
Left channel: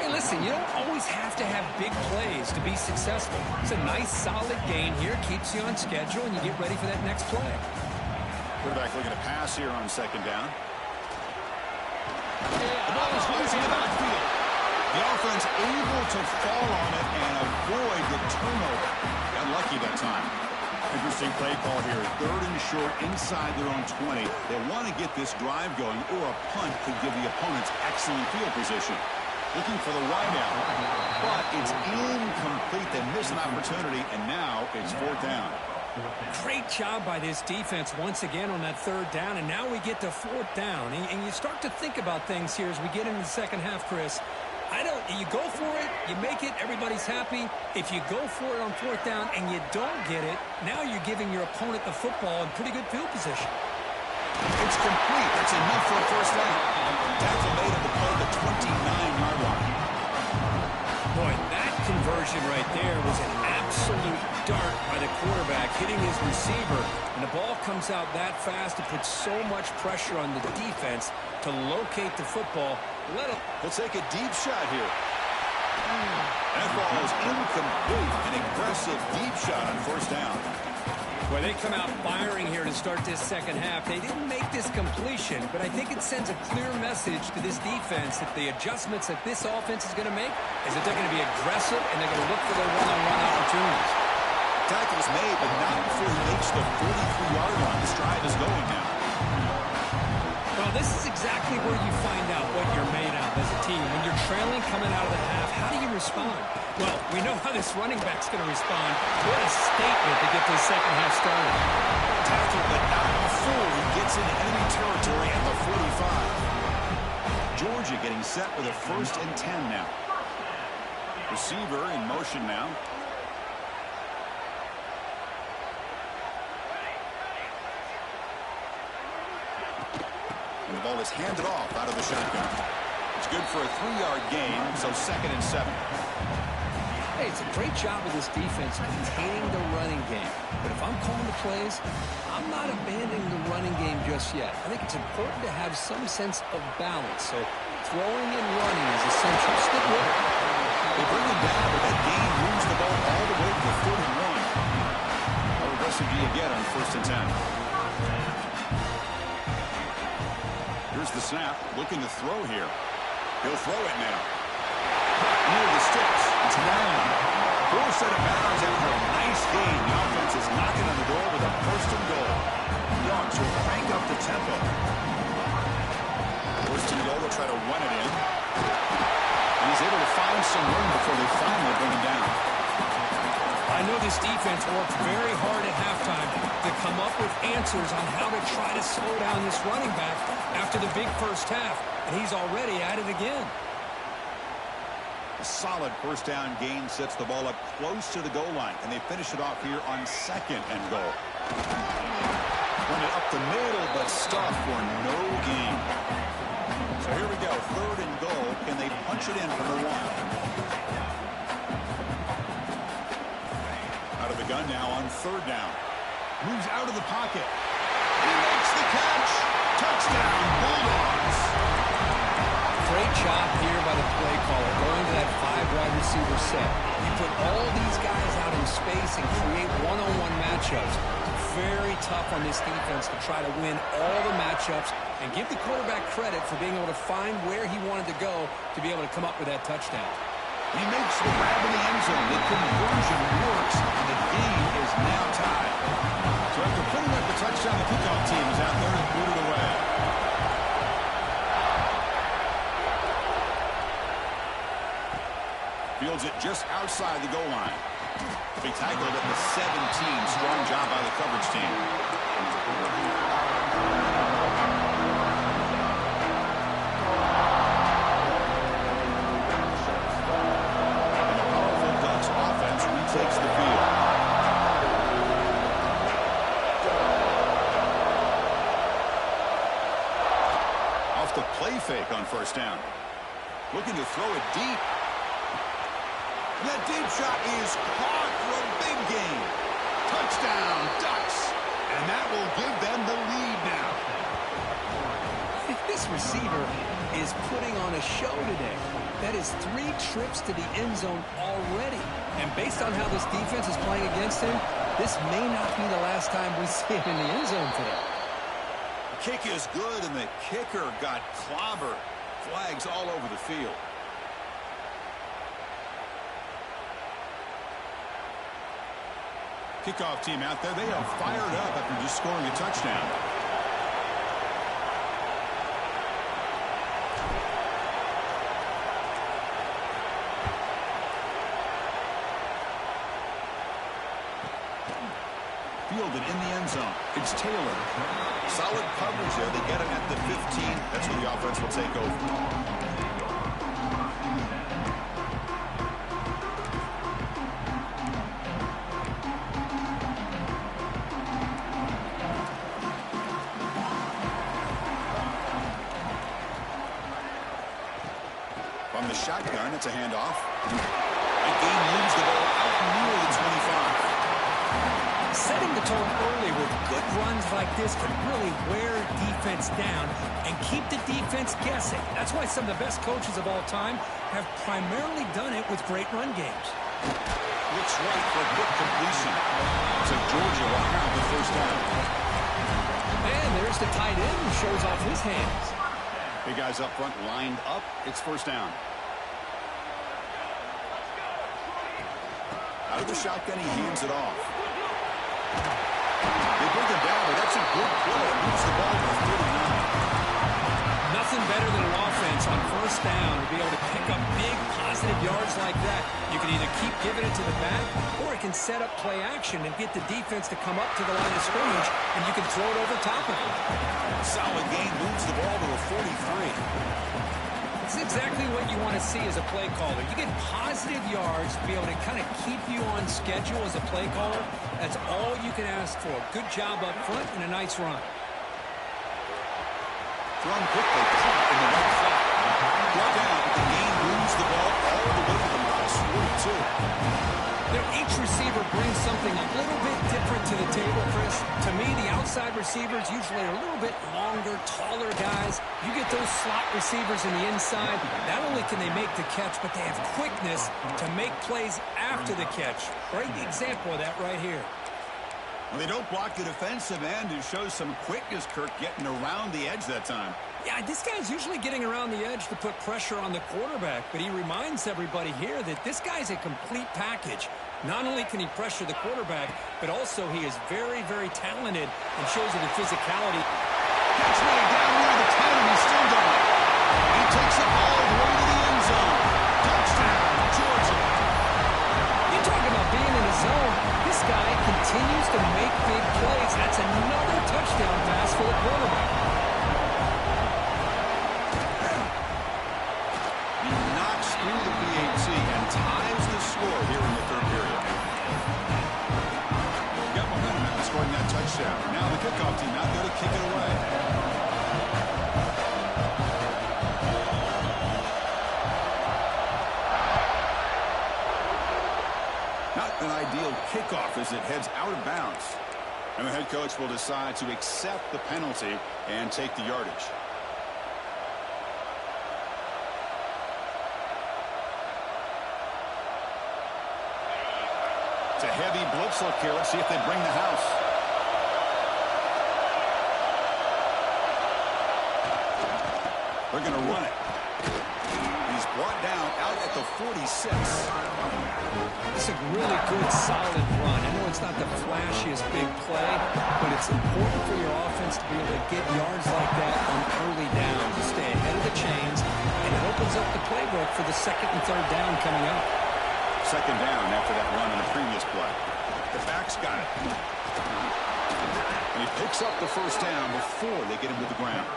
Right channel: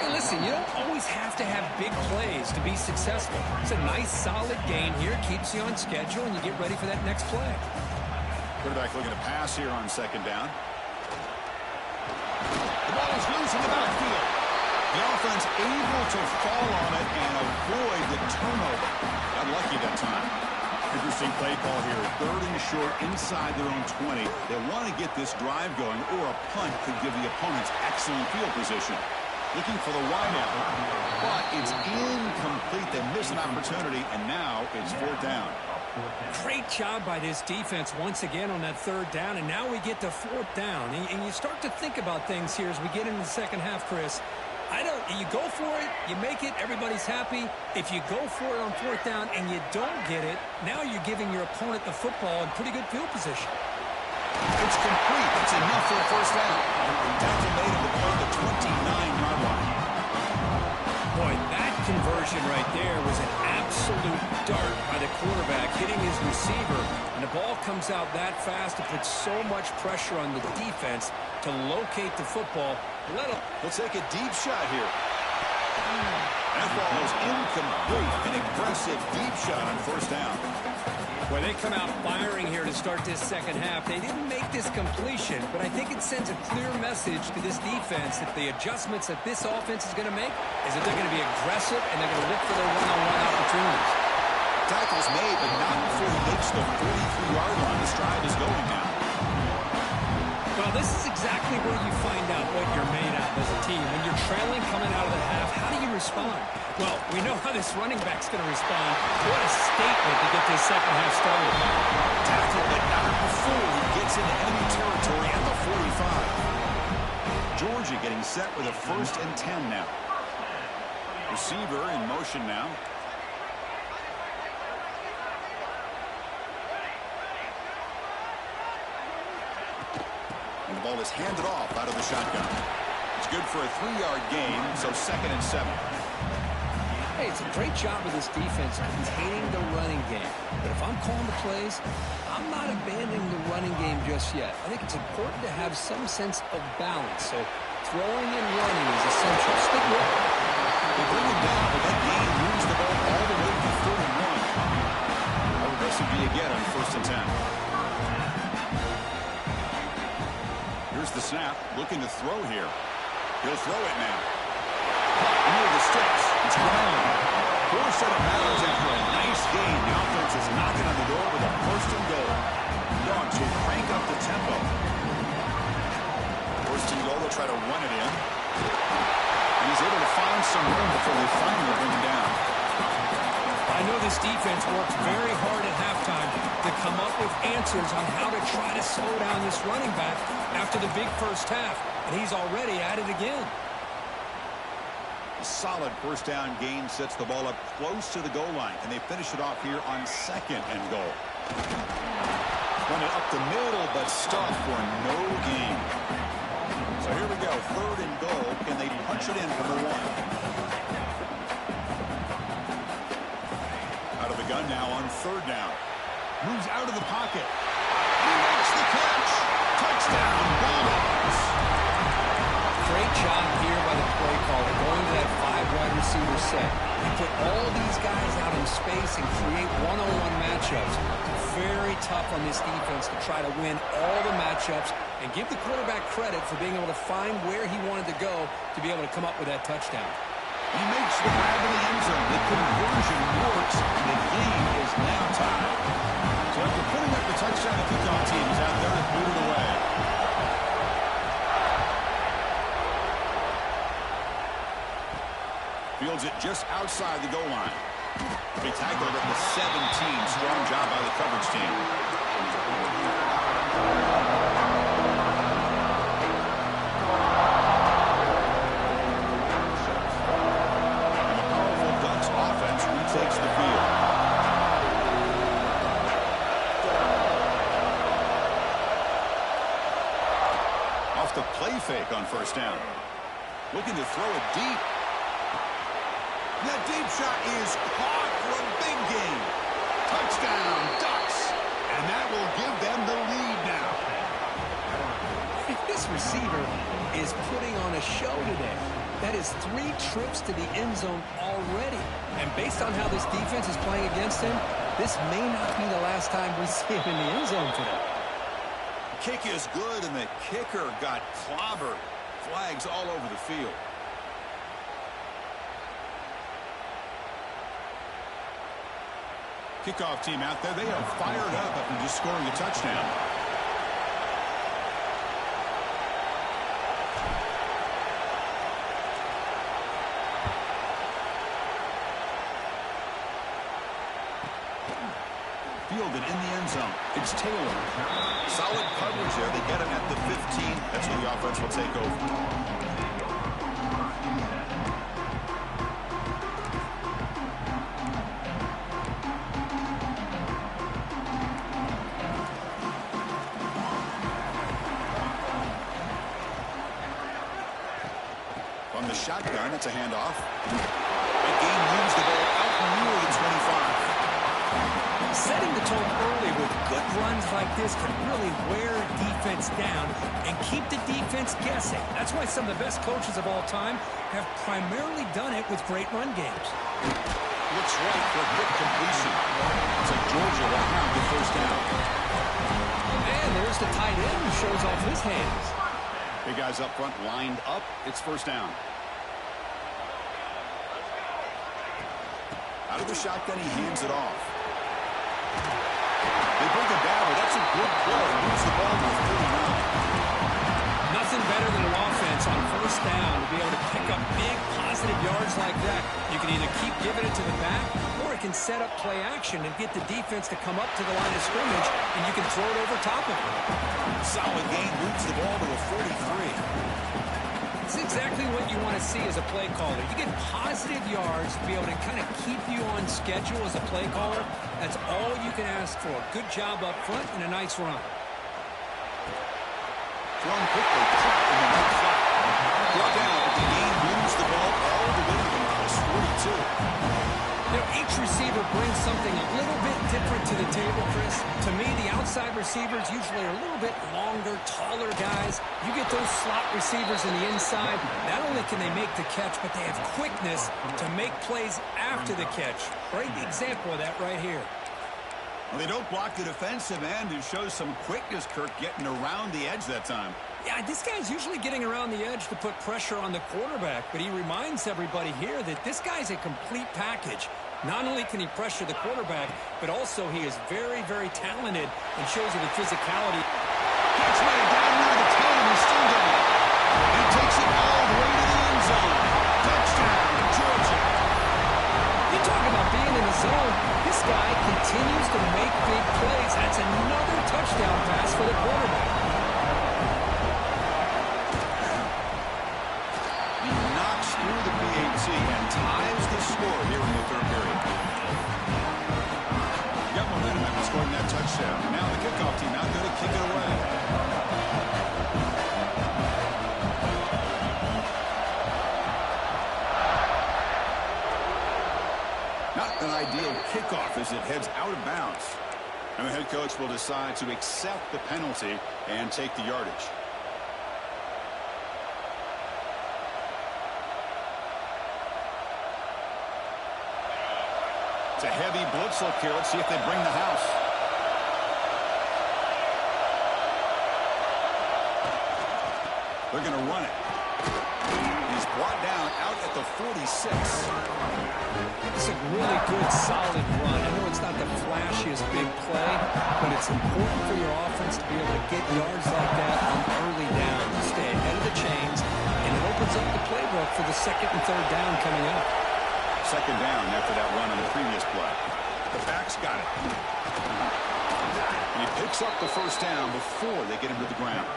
Hey, listen, you don't always have to have big plays to be successful. It's a nice, solid gain here. Keeps you on schedule, and you get ready for that next play. Quarterback looking to pass here on 2nd down. The ball is loose in the backfield. The offense able to fall on it and avoid the turnover. Got lucky that time. Interesting play call here. 3rd and short inside their own 20. They want to get this drive going, or a punt could give the opponents excellent field position. Looking for the wideout, but it's incomplete. They miss an opportunity, and now it's 4th down. Great job by this defense once again on that 3rd down, and now we get to 4th down. And you start to think about things here as we get into the second half, Chris. You go for it, you make it, everybody's happy. If you go for it on 4th down and you don't get it, now you're giving your opponent the football in pretty good field position. It's complete. That's enough for a first down. Tackle made on the play at the 29-yard line. Boy, that conversion conversion right there was an absolute dart by the quarterback, hitting his receiver. And the ball comes out that fast to put so much pressure on the defense to locate the football. He'll take a deep shot here. That ball is incomplete. An aggressive deep shot on first down. Well, they come out firing here to start this second half. They didn't make this completion, but I think it sends a clear message to this defense that the adjustments that this offense is going to make is that they're going to be aggressive and they're going to look for their one-on-one opportunities. Tackle's made, but not before he makes the 43-yard line. This drive is going now. Well, this is exactly where you find out what you're made of as a team. When you're trailing coming out of the half, how do you respond? Well, we know how this running back's going to respond. What a statement to get this second half started. Tackle, but not before he gets into enemy territory at the 45. Georgia getting set with a 1st and 10 now. Receiver in motion now. And the ball is handed off out of the shotgun. It's good for a 3-yard gain, so 2nd and 7. Hey, it's a great job of this defense containing the running game. But if I'm calling the plays, I'm not abandoning the running game just yet. I think it's important to have some sense of balance. So throwing and running is essential. Stick with it. They bring him down, but that gain moves the ball all the way to the 31. How aggressive do you get on 1st and 10? Here's the snap, looking to throw here. He'll throw it now. Caught near the sticks. It's Riley. Forced out of bounds after a nice gain. The offense is knocking on the door with a 1st and goal. Dogs will crank up the tempo. 1st and goal, they'll try to run it in. And he's able to find some room before they finally bring him down. I know this defense worked very hard at halftime to come up with answers on how to try to slow down this running back after the big first half, and he's already at it again. A solid 1st down gain sets the ball up close to the goal line, and they finish it off here on 2nd and goal. Run it up the middle, but stuffed for no gain. So here we go, 3rd and goal. Can they punch it in from the 1? Out of the gun now on 3rd down. Moves out of the pocket. He makes the catch. Touchdown, Bulldogs. Great job here by the play caller, going to that 5 wide receiver set. You put all these guys out in space and create one-on-one matchups. It's very tough on this defense to try to win all the matchups and give the quarterback credit for being able to find where he wanted to go to be able to come up with that touchdown. He makes the grab in the end zone. The conversion works, and the game is now tied. So after putting up the touchdown, the kickoff team is out there to boot it away. Fields it just outside the goal line. They tackled at the 17. Strong job by the coverage team. Offense retakes the field. Off the play fake on 1st down. Looking to throw it deep. That deep shot is caught for a big gain. Touchdown, Ducks. And that will give them the lead now. This receiver is putting on a show today. That is 3 trips to the end zone already. And based on how this defense is playing against him, this may not be the last time we see him in the end zone today. The kick is good, and the kicker got clobbered. Flags all over the field. Kickoff team out there, they are fired up after just scoring a touchdown. Fielded in the end zone. It's Taylor. Solid coverage there. They get him at the 15. That's where the offense will take over. From the shotgun, it's a handoff. That gain moves the ball out near the 25. Setting the tone early with good runs like this can really wear defense down and keep the defense guessing. That's why some of the best coaches of all time have primarily done it with great run games. Looks right for a quick completion. Looks like Georgia will have the first down. And there's the tight end who shows off his hands. Big guys up front lined up. It's first down. Out of the shotgun, he hands it off. They bring him down, but that's a good play. Moves the ball to the 39. Nothing better than an offense on first down to be able to pick up big positive yards like that. You can either keep giving it to the back, or it can set up play action and get the defense to come up to the line of scrimmage, and you can throw it over top of it. Solid gain, moves the ball to the 43. It's exactly what you want to see as a play caller. You get positive yards to be able to kind of keep you on schedule as a play caller. That's all you can ask for. Good job up front and a nice run. Thrown quickly, caught in the right flat. Brought down, but the gain moves the ball all the way to the plus 42. You know, each receiver brings something a little bit different to the table, Chris. To me, the outside receivers usually are a little bit longer, taller guys. You get those slot receivers in the inside. Not only can they make the catch, but they have quickness to make plays after the catch. Great example of that right here. Well, they don't block the defensive end, who shows some quickness, Kirk, getting around the edge that time. Yeah, this guy's usually getting around the edge to put pressure on the quarterback, but he reminds everybody here that this guy's a complete package. Not only can he pressure the quarterback, but also he is very, very talented and shows it in physicality. Catch made down near the 10, and he's still done it. He takes it all the way to the end zone. Touchdown, Georgia. You talk about being in the zone. This guy continues to make big plays. That's another touchdown pass for the quarterback. He knocks through the PAT and ties the score here in the third period. Got momentum after scoring that touchdown. Now the kickoff team out there to kick it away. Not an ideal kickoff as it heads out of bounds. And the head coach will decide to accept the penalty and take the yardage. It's a heavy blitz look here. Let's see if they bring the house. They're going to run it. He's brought down out at the 46. It's a really good, solid run. I know it's not the flashiest big play, but it's important for your offense to be able to get yards like that on early downs, to stay ahead of the chains, and it opens up the playbook for the second and third down coming up. Second down after that run on the previous play. The back's got it. And he picks up the first down before they get him to the ground.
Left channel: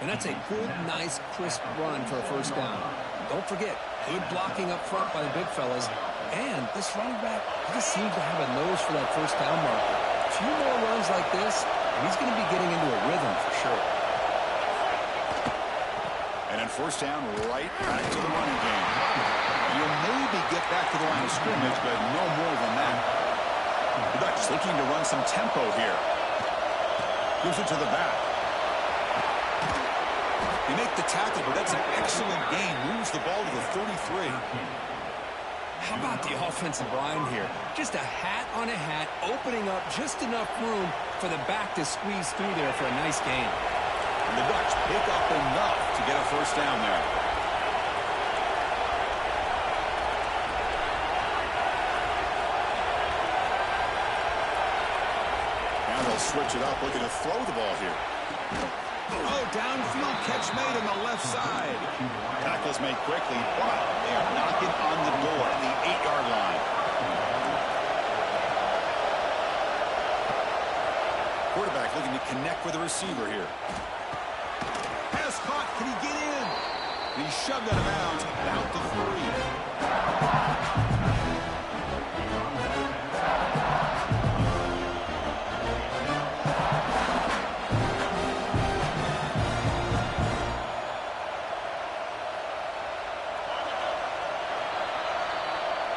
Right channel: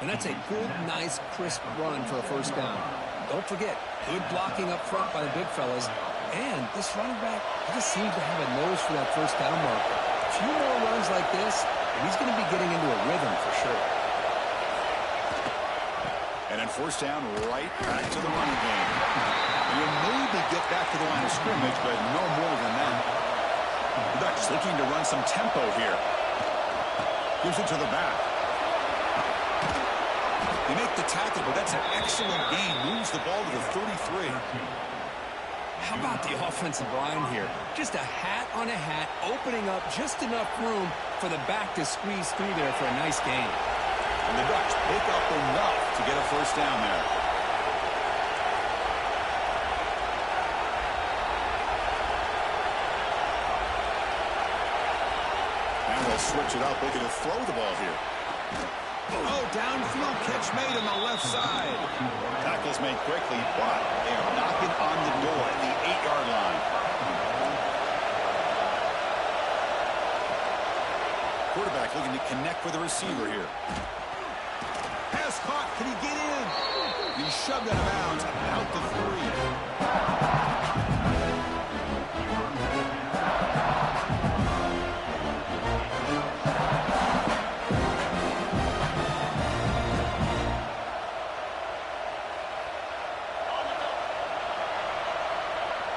And that's a good, nice, crisp run for a first down. Don't forget, good blocking up front by the big fellas. And this running back, he just seems to have a nose for that first down marker. A few more runs like this, and he's going to be getting into a rhythm for sure. And then first down, right back to the running game. You'll maybe get back to the line of scrimmage, but no more than that. The Ducks looking to run some tempo here. Gives it to the back. They make the tackle, but that's an excellent gain. Moves the ball to the 33. How about the offensive line here? Just a hat on a hat, opening up just enough room for the back to squeeze through there for a nice gain. And the Ducks pick up enough to get a first down there. Now they'll switch it up, looking to throw the ball here. Oh, downfield catch made on the left side. Tackles made quickly, but they are knocking on the door at the 8-yard line. Quarterback looking to connect with the receiver here. Pass caught. Can he get in? And he's shoved out of bounds about the 3.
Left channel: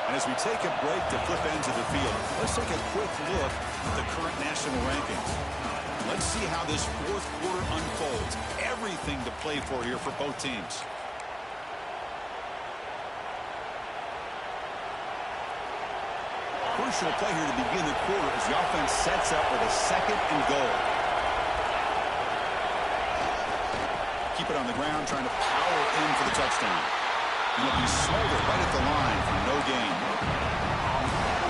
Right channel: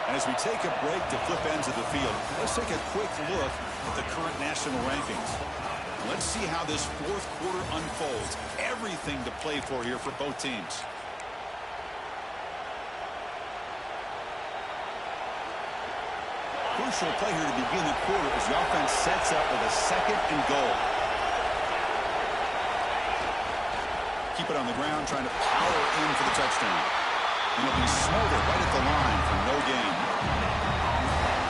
And as we take a break to flip ends of the field, let's take a quick look at the current national rankings. Let's see how this fourth quarter unfolds. Everything to play for here for both teams. Crucial play here to begin the quarter as the offense sets up with a 2nd and goal. Keep it on the ground, trying to power in for the touchdown. And it'll be Smolder right at the line for no gain.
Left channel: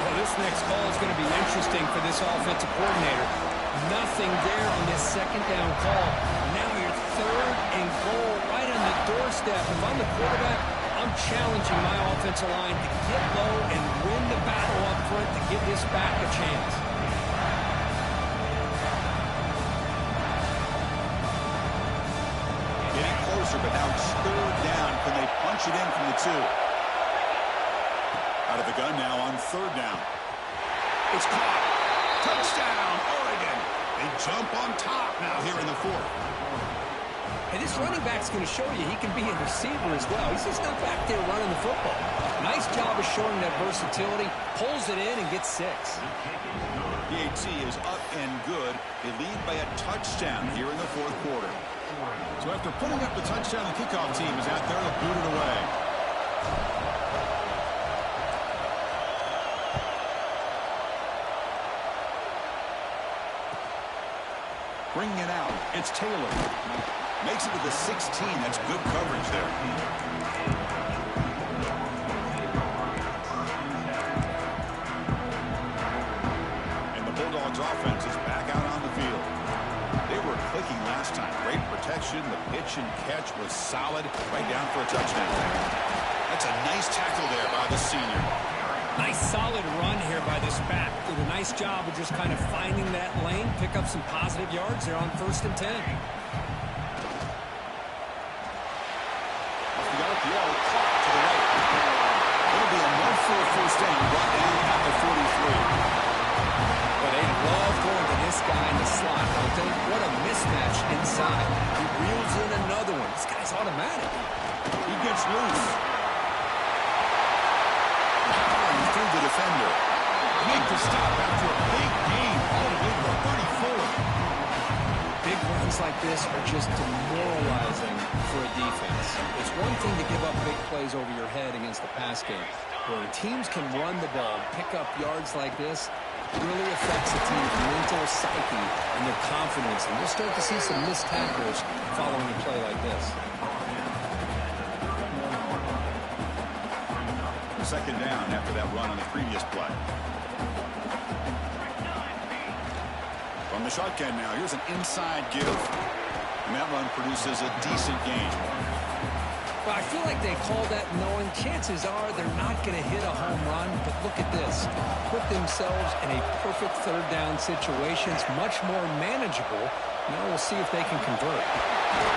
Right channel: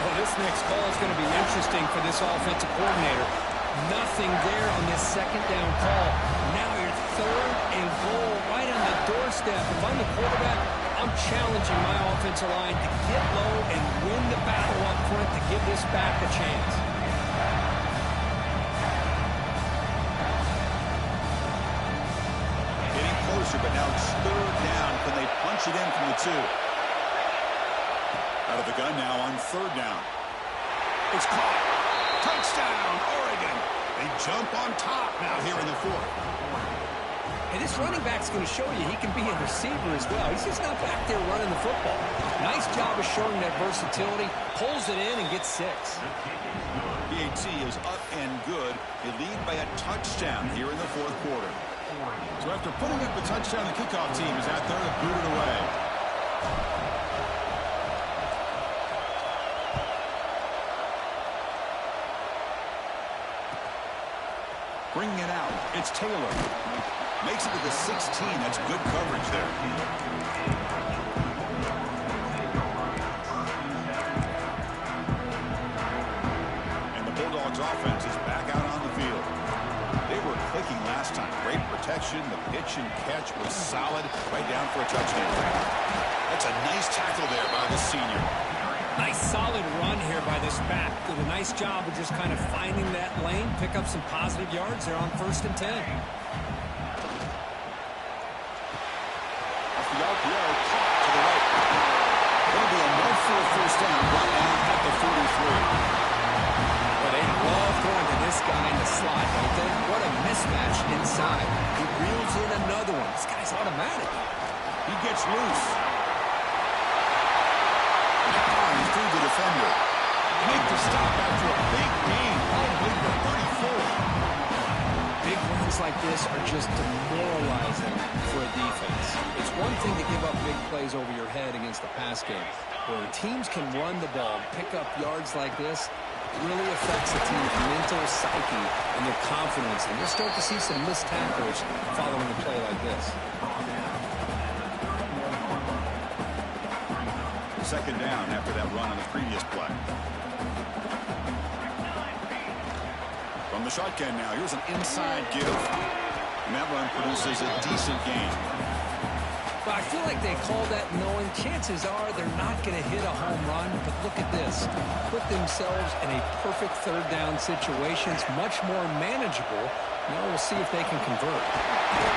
Well, this next call is going to be interesting for this offensive coordinator. Nothing there on this 2nd down call. Now your 3rd and goal right on the doorstep. If I'm the quarterback, I'm challenging my offensive line to get low and win the battle up front to give this back a chance. Getting closer, but now it's 3rd down. Can they punch it in from the 2? Out of the gun now on 3rd down. It's caught. Touchdown, Oregon. They jump on top now here in the 4th. Hey, this running back's going to show you he can be a receiver as well. He's just not back there running the football. Nice job of showing that versatility. Pulls it in and gets 6. PAT is up and good. They lead by a touchdown here in the 4th quarter. So after putting up the touchdown, the kickoff team is out there to boot it away. Bringing it out, it's Taylor. Makes it to the 16. That's good coverage there. And the Bulldogs offense is back out on the field. They were clicking last time. Great protection. The pitch and catch was solid. Right down for a touchdown. That's a nice tackle there by the senior. Nice solid run here by this back. Did a nice job of just kind of finding that lane, pick up some positive yards there on 1st and 10. Off the RPO, caught to the right. It'll be enough for a 1st down, brought down at the 43. Well, they love going to this guy in the slot, don't they? What a mismatch inside. He reels in another one. This guy's automatic. He gets loose. Powering through the defender. Make the stop after a big gain all the way to the 34. Big runs like this are just demoralizing for a defense. It's one thing to give up big plays over your head against the pass game. When teams can run the ball, pick up yards like this, it really affects a team's mental psyche and their confidence. And you'll start to see some missed tackles following a play like this. 2nd down after that run on the previous play. From the shotgun now, here's an inside give. And that run produces a decent gain. Well, I feel like they call that knowing chances are they're not going to hit a home run. But look at this. Put themselves in a perfect 3rd down situation. It's much more manageable. Now we'll see if they can convert.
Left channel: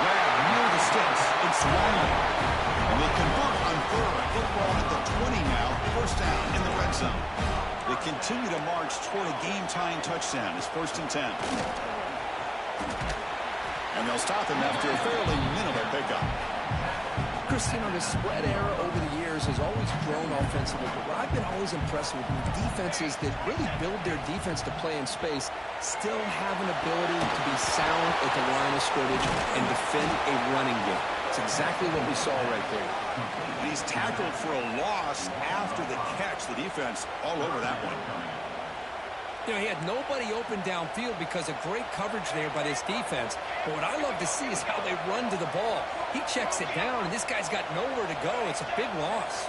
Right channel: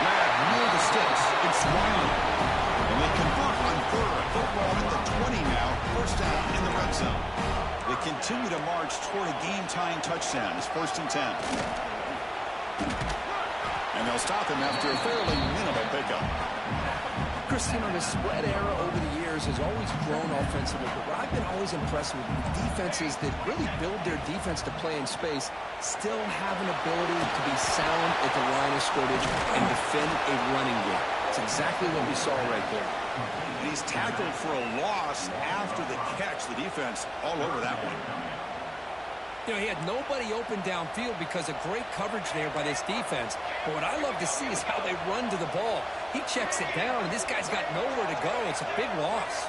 Grab near the sticks. It's Wiley. And they convert on 3rd. Football at the 20 now. 1st down in the red zone. They continue to march toward a game-tying touchdown. It's 1st and 10. And they'll stop him after a fairly minimal pickup. Chris, you know, the spread era over the years has always grown offensively, but what I've been always impressed with defenses that really build their defense to play in space still have an ability to be sound at the line of scrimmage and defend a running game. It's exactly what we saw right there. And he's tackled for a loss after the catch. The defense all over that one. You know, he had nobody open downfield because of great coverage there by this defense. But what I love to see is how they run to the ball. He checks it down, and this guy's got nowhere to go. It's a big loss.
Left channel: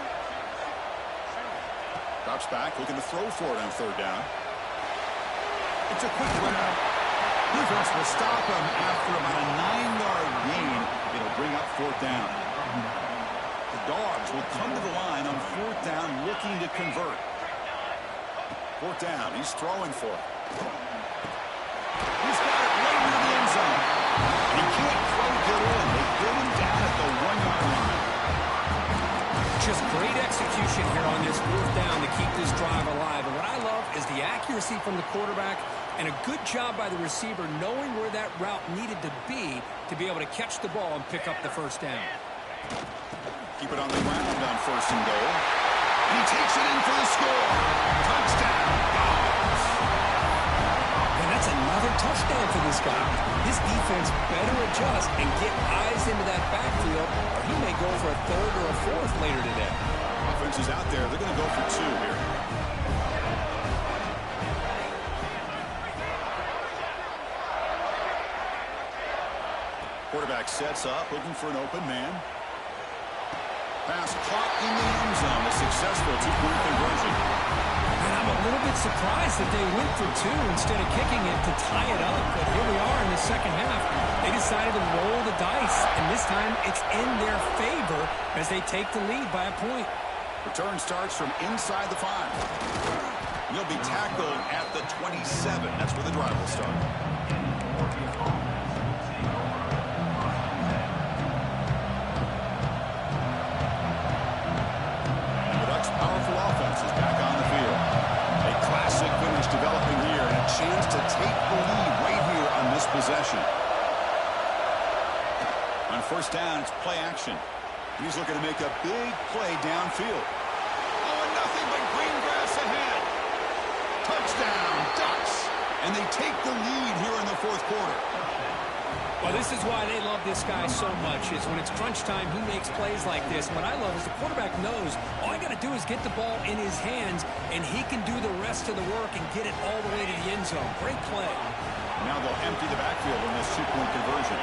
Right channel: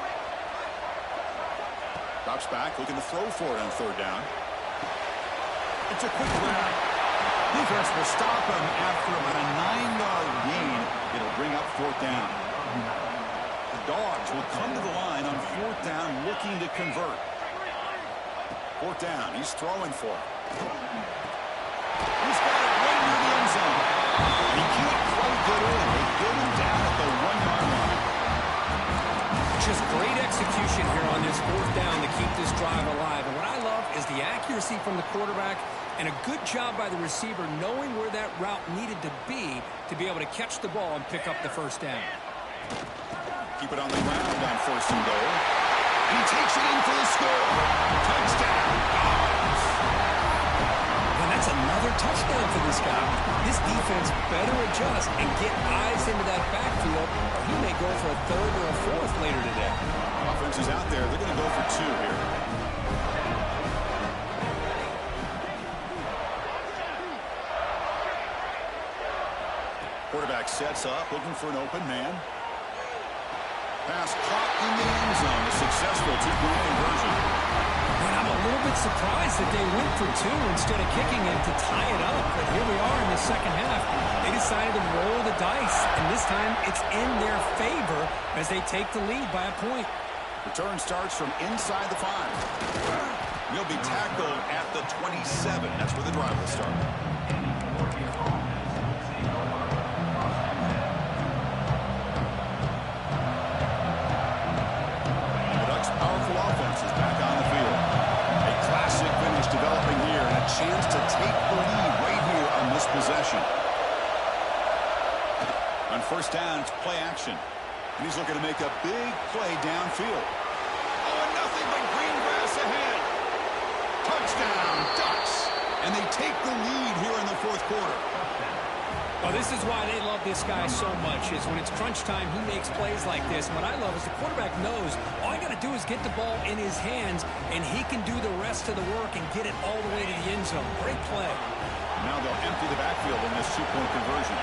Drops back, looking to throw for it on 3rd down. It's a quick grab. Defense will stop him after about a 9-yard gain. It'll bring up 4th down. The Dogs will come to the line on 4th down, looking to convert. 4th down, he's throwing for it. He's got it right near the end zone. And he can't quite get in. They get him down at the 1-yard line. Just great execution here on this 4th down to keep this drive alive. And what I love is the accuracy from the quarterback and a good job by the receiver knowing where that route needed to be able to catch the ball and pick up the 1st down. Keep it on the ground on 1st and goal. And he takes it in for the score. Touchdown, Dogs. And that's another touchdown for this guy. This defense better adjust and get eyes into that backfield, or he may go for a third or a fourth later today. Offense is out there. They're going to go for 2 here. Quarterback sets up, looking for an open man. Pass caught in the end zone. A successful 2-point conversion. And I'm a little bit surprised that they went for 2 instead of kicking it to tie it up. But here we are in the second half. They decided to roll the dice, and this time it's in their favor as they take the lead by a point. Return starts from inside the 5. He'll be tackled at the 27. That's where the drive will start. Powerful offense is back on the field. A classic finish developing here and a chance to take the lead right here on this possession. On first down, it's play action. And he's looking to make a big play downfield. Oh, and nothing but green grass ahead. Touchdown, Ducks. And they take the lead here in the fourth quarter. Well, this is why they love this guy so much, is when it's crunch time, he makes plays like this. And what I love is the quarterback knows all I got to do is get the ball in his hands, and he can do the rest of the work and get it all the way to the end zone. Great play. Now they'll empty the backfield on this 2-point conversion.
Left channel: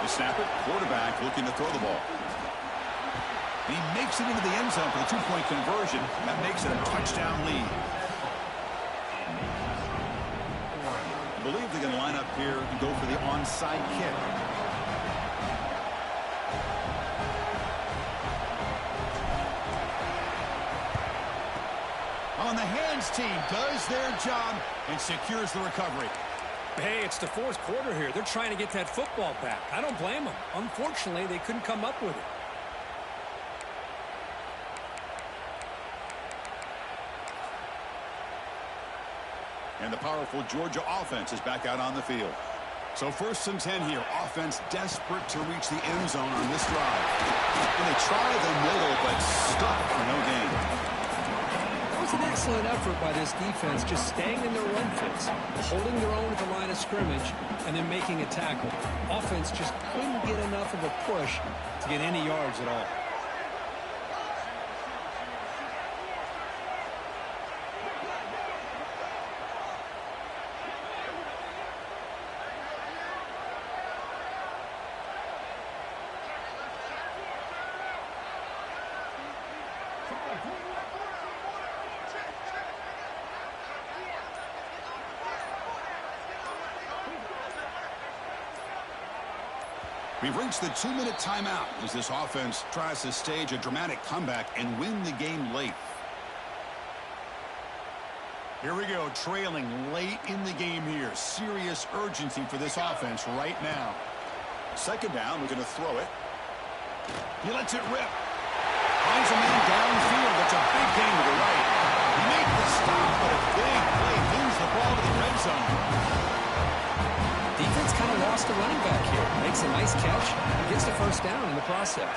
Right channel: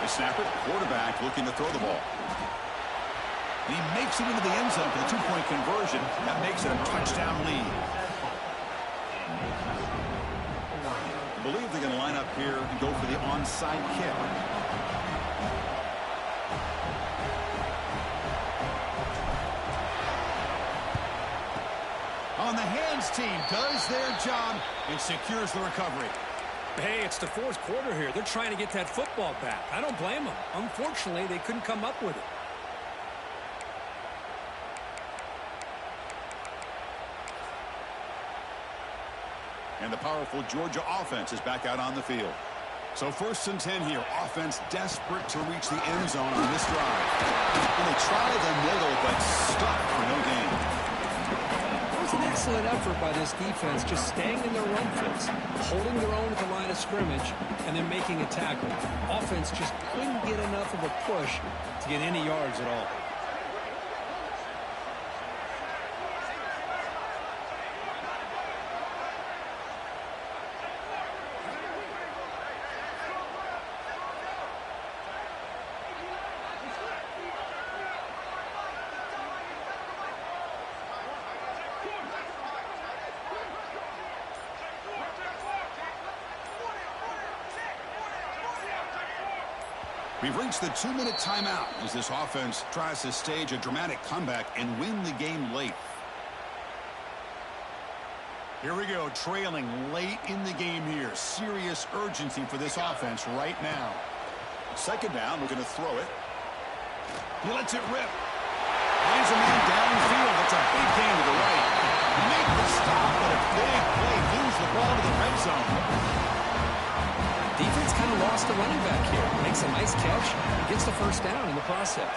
They snap it. Quarterback looking to throw the ball. He makes it into the end zone for the 2-point conversion. That makes it a touchdown lead. I believe they're going to line up here and go for the onside kick. On the hands team does their job and secures the recovery. Hey, it's the fourth quarter here. They're trying to get that football back. I don't blame them. Unfortunately, they couldn't come up with it. And the powerful Georgia offense is back out on the field. So 1st and 10 here. Offense desperate to reach the end zone on this drive. And they try the middle, but stuck for no gain. That was an excellent effort by this defense, just staying in their run fits, holding their own at the line of scrimmage, and then making a tackle. Offense just couldn't get enough of a push to get any yards at all. We've reached the 2-minute timeout as this offense tries to stage a dramatic comeback and win the game late. Here we go, trailing late in the game here. Serious urgency for this offense right now. 2nd down, looking to throw it. He lets it rip. Finds a man downfield. That's a big gain to the right. He made the stop, but a big play. Moves the ball to the red zone. Defense kind of lost the running back here. Makes a nice catch and gets the first down in the process.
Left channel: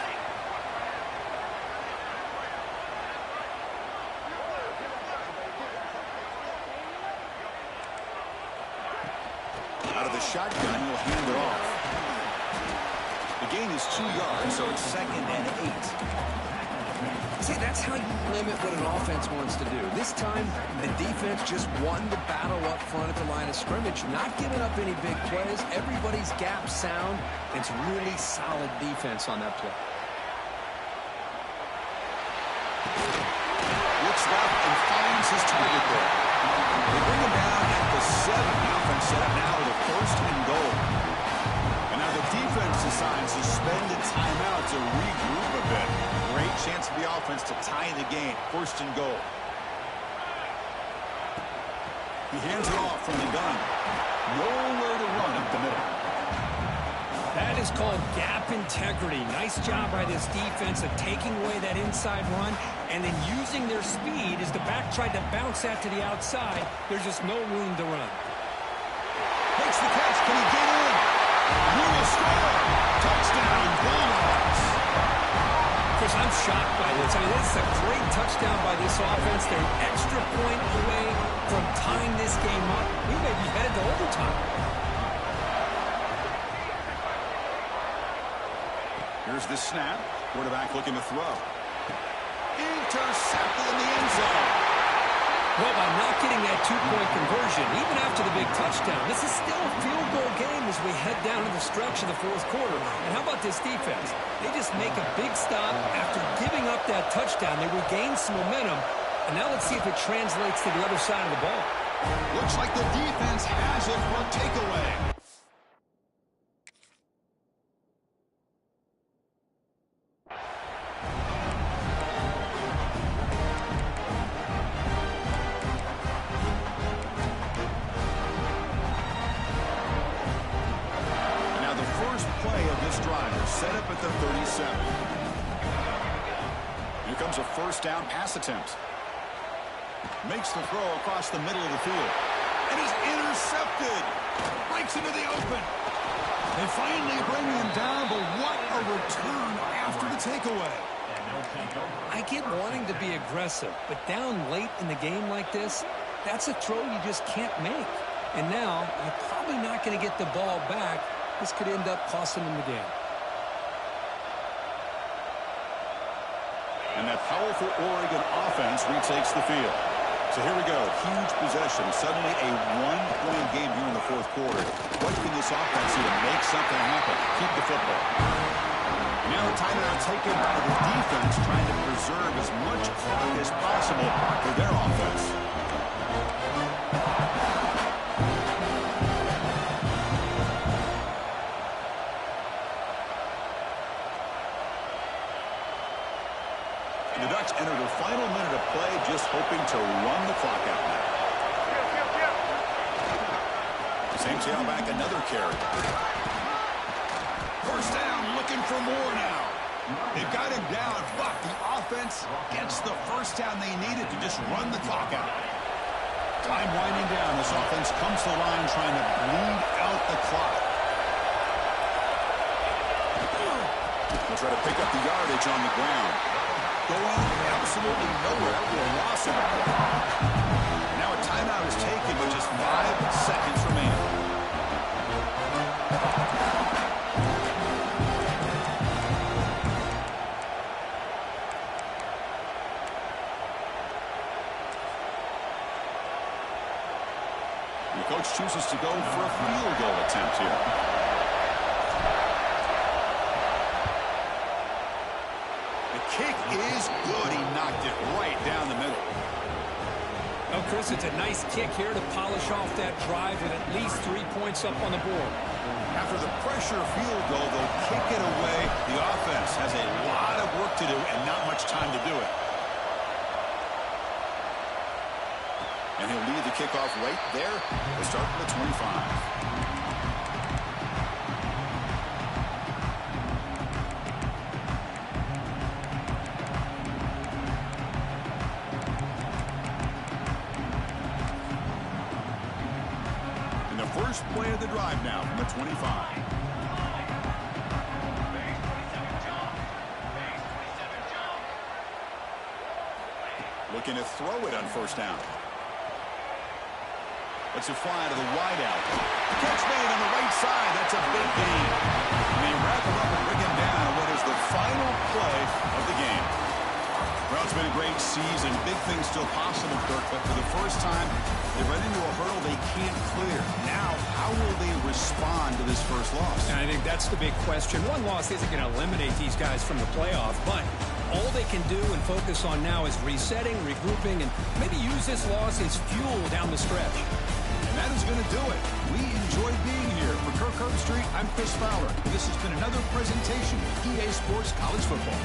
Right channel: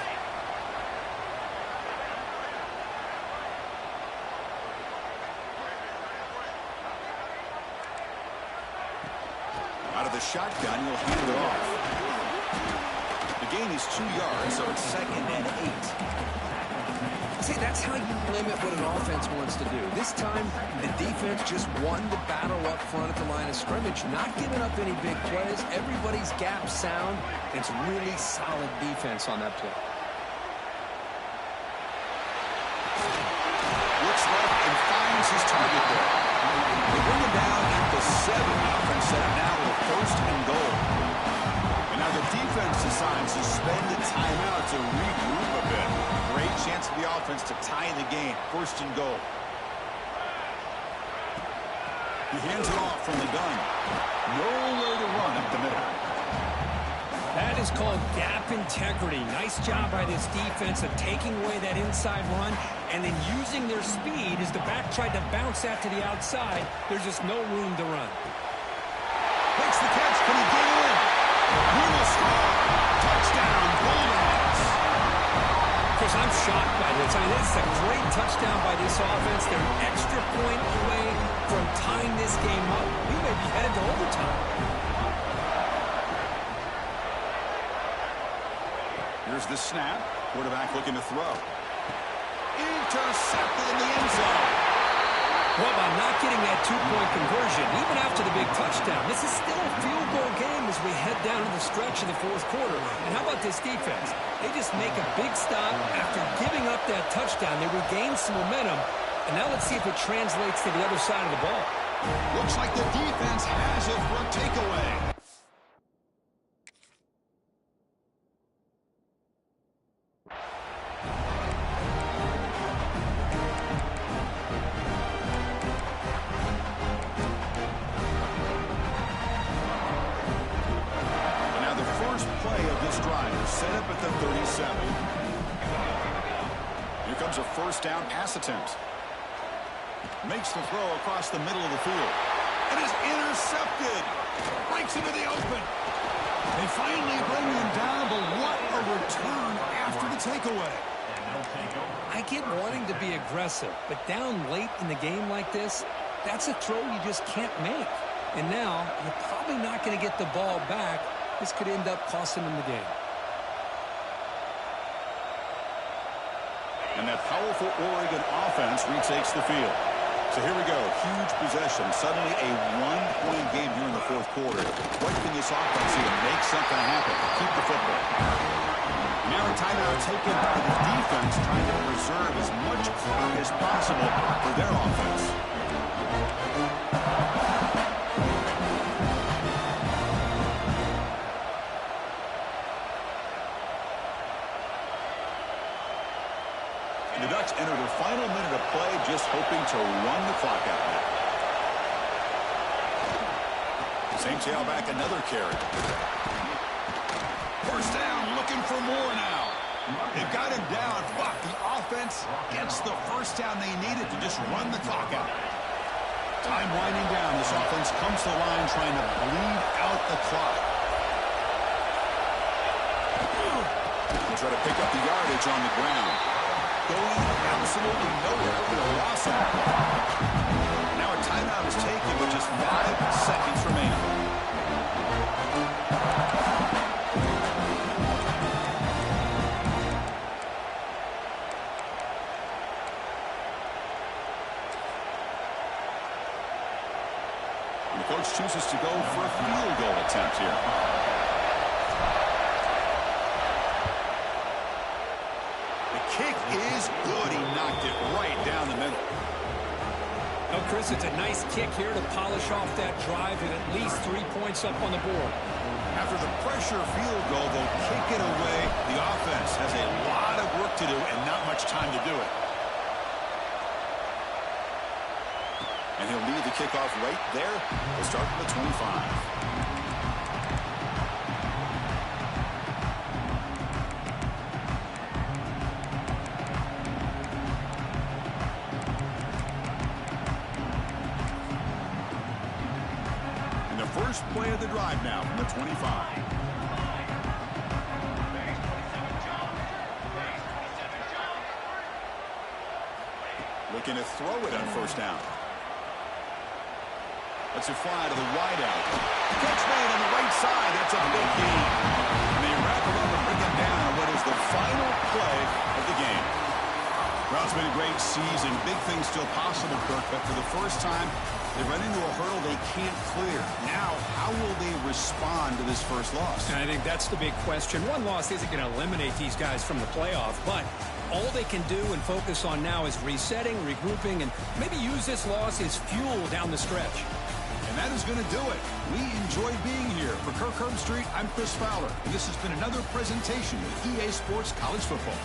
Out of the shotgun, he'll hand it off. The gain is 2 yards, so it's 2nd and 8. See, that's how you limit what an offense wants to do. This time, the defense just won the battle up front at the line of scrimmage, not giving up any big plays. Everybody's gap sound. It's really solid defense on that play. Looks left and finds his target there. They bring him down at the 7. The offense set up now with a 1st and goal. And now the defense decides to spend a timeout to regroup a bit. Great chance for the offense to tie the game. 1st and goal. He hands it off from the gun. Nowhere to run up the middle. That is called gap integrity. Nice job by this defense of taking away that inside run and then using their speed as the back tried to bounce that to the outside. There's just no room to run. Makes the catch. Can he get in? He will score. Touchdown, Bulldogs. Okay, Chris, I'm shocked by this. I mean, this is a great touchdown by this offense. They're an extra point away from tying this game up. We may be headed to overtime. Here's the snap. Quarterback looking to throw. Intercepted in the end zone. Well, by not getting that two-point conversion, even after the big touchdown, this is still a field goal game as we head down to the stretch of the fourth quarter. And how about this defense? They just make a big stop after giving up that touchdown. They regain some momentum. And now let's see if it translates to the other side of the ball. Looks like the defense has it for a takeaway. Play of this drive is set up at the 37. Here comes a first down pass attempt. Makes the throw across the middle of the field. And is intercepted. Breaks into the open. They finally bring him down, but what a return after the takeaway. I get wanting to be aggressive, but down late in the game like this, that's a throw you just can't make. And now, you're probably not going to get the ball back. This could end up costing them the game. And that powerful Oregon offense retakes the field. So here we go. Huge possession. Suddenly a one-point game here in the fourth quarter. What can this offense do to make something happen? Keep the football. And now a timeout taken by the defense, trying to preserve as much clock as possible for their offense. The Ducks enter the final minute of play, just hoping to run the clock out now. Same tailback, another carry. First down, looking for more now. They've got him down, but the offense gets the first down they needed to just run the clock out. Time winding down. This offense comes to the line trying to bleed out the clock. They'll try to pick up the yardage on the ground. Going absolutely nowhere. We'll loss him. Now a timeout is taken with just 5 seconds remaining. And the coach chooses to go for a field goal attempt here. Kick is good. He knocked it right down the middle. Well, Chris, it's a nice kick here to polish off that drive with at least 3 points up on the board. After the pressure field goal, they'll kick it away. The offense has a lot of work to do and not much time to do it. And he'll lead the kickoff right there. We'll start from the 25. First play of the drive now from the 25. Looking to throw it on first down. Lets it fly to the wideout. Catch made on the right side. That's a big gain. And they wrap him up and bring him down on what is the final play of the game. Well, it's been a great season. Big things still possible, Kirk, but for the first time, they run into a hurdle they can't clear. Now, how will they respond to this first loss? And I think that's the big question. One loss isn't going to eliminate these guys from the playoff, but all they can do and focus on now is resetting, regrouping, and maybe use this loss as fuel down the stretch. And that is going to do it. We enjoyed being here. For Kirk Herbstreit, I'm Chris Fowler. And this has been another presentation of EA Sports College Football.